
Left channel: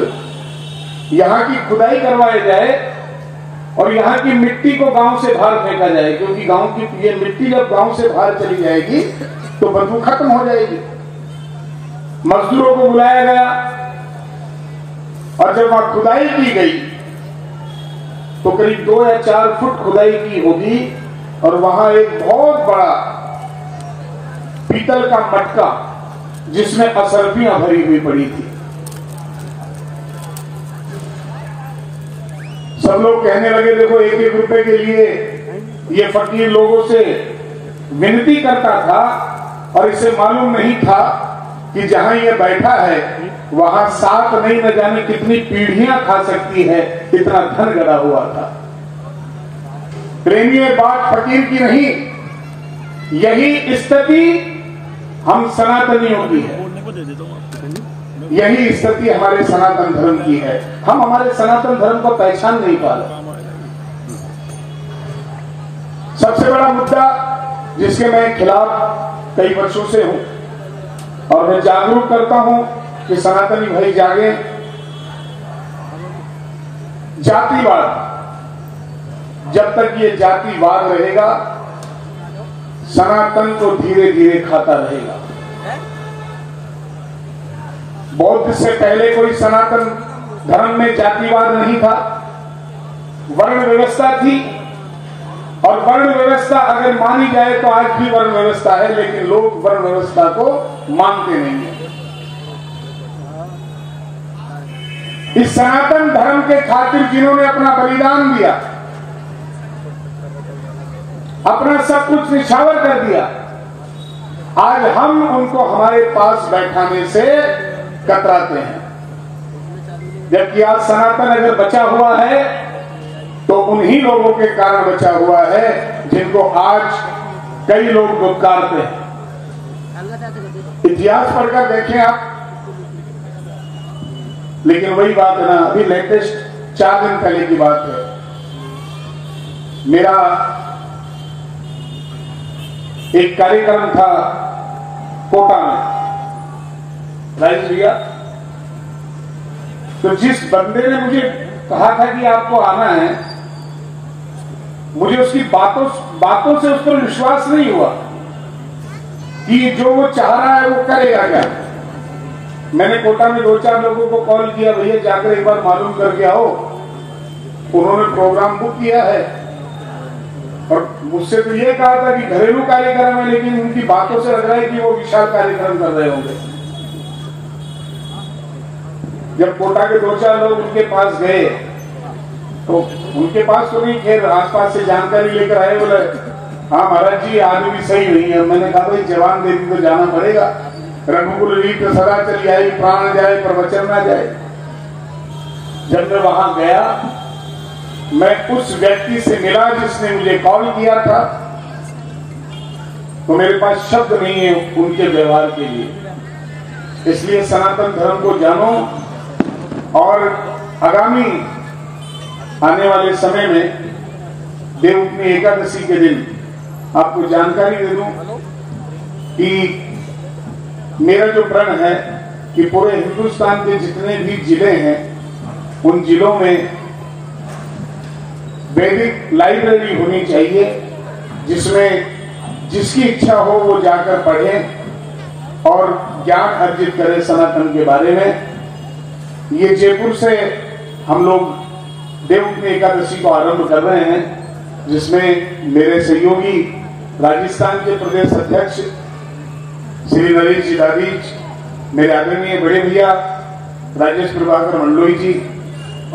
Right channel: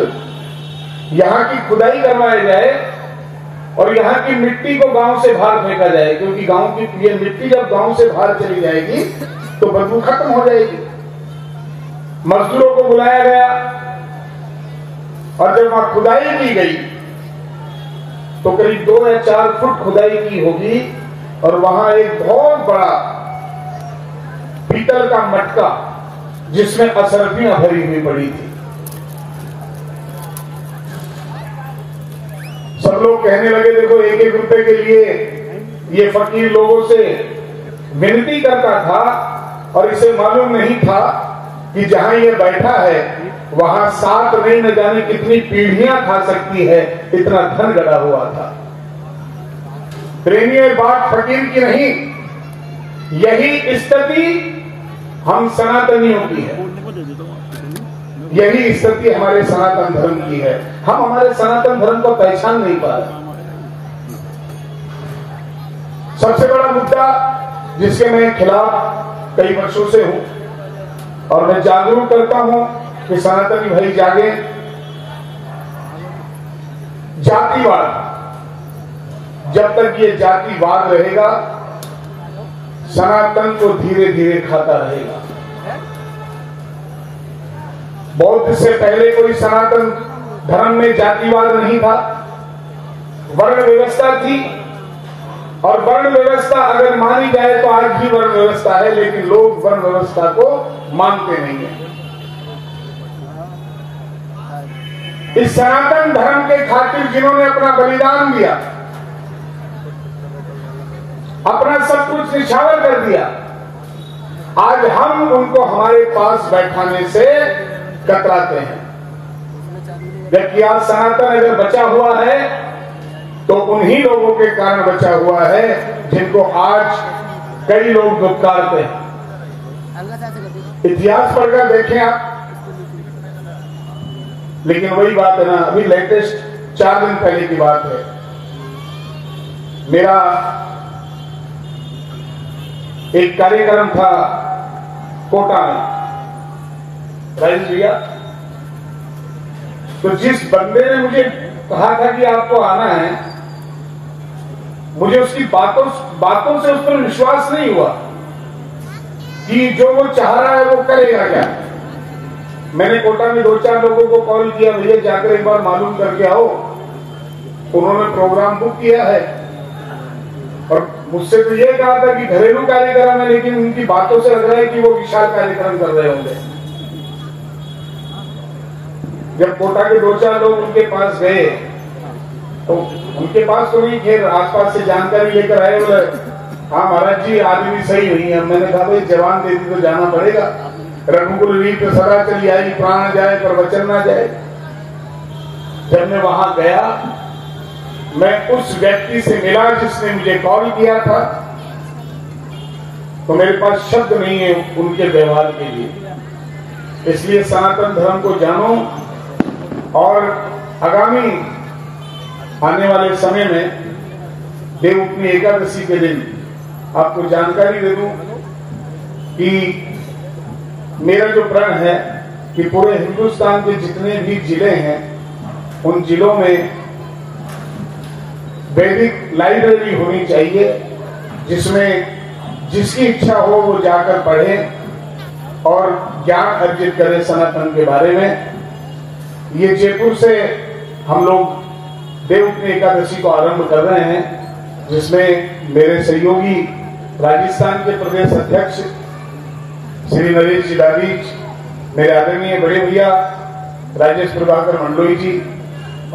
यहां की खुदाई करवाई जाए और यहां की मिट्टी को गांव से बाहर फेंका जाए, क्योंकि गांव की ये मिट्टी जब गांव से बाहर चली जाएगी तो बदबू खत्म हो जाएगी। मजदूरों को बुलाया गया और जब वहां खुदाई की गई तो करीब 2 या 4 फुट खुदाई की होगी और वहां एक बहुत बड़ा पीतल का मटका जिसमें असरफियां भरी हुई पड़ी थी। सब लोग कहने लगे देखो 1-1 रुपए के लिए ये फकीर लोगों से विनती करता था और इसे मालूम नहीं था कि जहां ये बैठा है वहां 7 नहीं न जाने कितनी पीढ़ियां खा सकती है, इतना धन गड़ा हुआ था। प्रेमी बात फकीर की नहीं, यही स्थिति हम सनातनियों की है, यही स्थिति हमारे सनातन धर्म की है। हम हमारे सनातन धर्म को पहचान नहीं पा रहे। सबसे बड़ा मुद्दा जिसके मैं खिलाफ कई वर्षों से हूं और मैं जागरूक करता हूं कि सनातनी भाई जागे, जातिवाद। जब तक ये जातिवाद रहेगा सनातन को धीरे धीरे खाता रहेगा। बौद्ध से पहले कोई सनातन धर्म में जातिवाद नहीं था, वर्ण व्यवस्था थी और वर्ण व्यवस्था अगर मानी जाए तो आज भी वर्ण व्यवस्था है, लेकिन लोग वर्ण व्यवस्था को मानते नहीं हैं। इस सनातन धर्म के खातिर जिन्होंने अपना बलिदान दिया, अपना सब कुछ निछावर कर दिया, आज हम उनको हमारे पास बैठाने से कतराते हैं। जबकि आज सनातन अगर बचा हुआ है तो उन्हीं लोगों के कारण बचा हुआ है जिनको आज कई लोग दुत्कारते हैं। इतिहास पढ़कर देखें आप। लेकिन वही बात है ना, अभी लेटेस्ट 4 दिन पहले की बात है, मेरा एक कार्यक्रम था कोटा में, राजेश भैया। तो जिस बंदे ने मुझे कहा था कि आपको आना है, मुझे उसकी बातों से उस पर विश्वास नहीं हुआ कि जो वो चाह रहा है वो करेगा क्या। मैंने कोटा में 2-4 लोगों को कॉल किया, भैया जाकर एक बार मालूम करके आओ। उन्होंने प्रोग्राम बुक किया है और मुझसे तो ये कहा था कि घरेलू कार्यक्रम है, लेकिन उनकी बातों से लग रहा है कि वो विशाल कार्यक्रम कर रहे होंगे। जब कोटा के 2-4 लोग उनके पास गए तो उनके पास तो नहीं, फिर आसपास से जानकारी लेकर आए, बोले हाँ महाराज जी आदमी सही नहीं है। मैंने कहा भाई जवान देती तो जाना पड़ेगा, रघुकुल रीत सदा चली आई, प्राण जाए पर वचन न जाए। जब मैं वहां गया, मैं उस व्यक्ति से मिला जिसने मुझे कॉल किया था, तो मेरे पास शब्द नहीं है उनके व्यवहार के लिए। इसलिए सनातन धर्म को जानो और आगामी आने वाले समय में देवउठनी एकादशी के दिन आपको जानकारी दे दूं कि मेरा जो प्रण है कि पूरे हिंदुस्तान के जितने भी जिले हैं उन जिलों में वैदिक लाइब्रेरी होनी चाहिए, जिसमें जिसकी इच्छा हो वो जाकर पढ़े और ज्ञान अर्जित करे सनातन के बारे में। ये जयपुर से हम लोग देवउठनी एकादशी को आरंभ कर रहे हैं, जिसमें मेरे सहयोगी राजस्थान के प्रदेश अध्यक्ष श्री नरेश जी दादीज, मेरे आदरणीय बड़े भैया राजेश प्रभाकर मंडलोई जी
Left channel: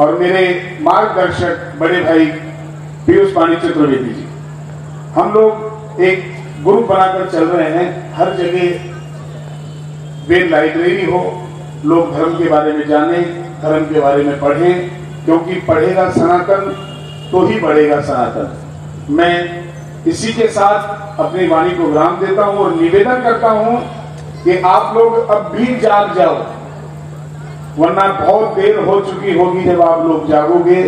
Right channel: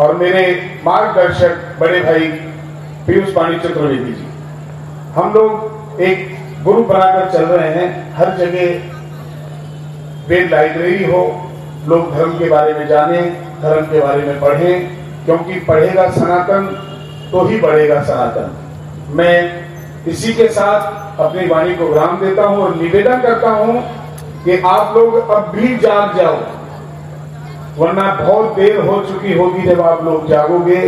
और मेरे मार्गदर्शक बड़े भाई पीयूष पाणी चतुर्वेदी जी, हम लोग एक ग्रुप बनाकर चल रहे हैं। हर जगह वेद लाइब्रेरी हो, लोग धर्म के बारे में जाने, धर्म के बारे में पढ़ें, क्योंकि पढ़ेगा सनातन तो ही बढ़ेगा सनातन। मैं इसी के साथ अपनी वाणी को विराम देता हूं और निवेदन करता हूं कि आप लोग अब भी जाग जाओ, वरना बहुत देर हो चुकी होगी जब आप लोग जागोगे,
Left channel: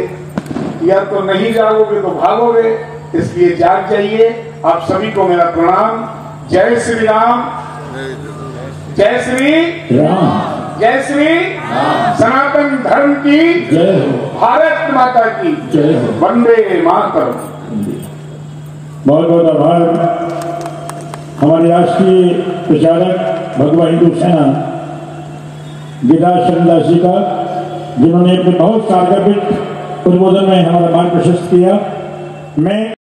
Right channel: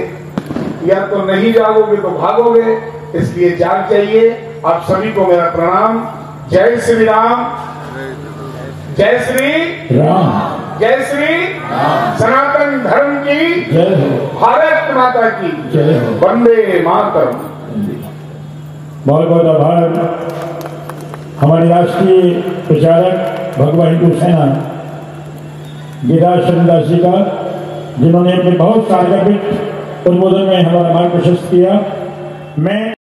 या तो नहीं जागोगे तो भागोगे। इसलिए जाग जाइए। आप सभी को मेरा प्रणाम। जय श्री राम, जय श्री राम, जय श्री सनातन धर्म की जय हो, भारत माता की जय हो। वंदे मातरम। बहुत बहुत आभार हमारे राष्ट्रीय प्रचारक भगवा हिंदू सेना गिरिराज शरणदास जी का, जिन्होंने अपने बहुत कारगर उद्बोधन में हमारा मार्ग प्रशस्त किया। मैं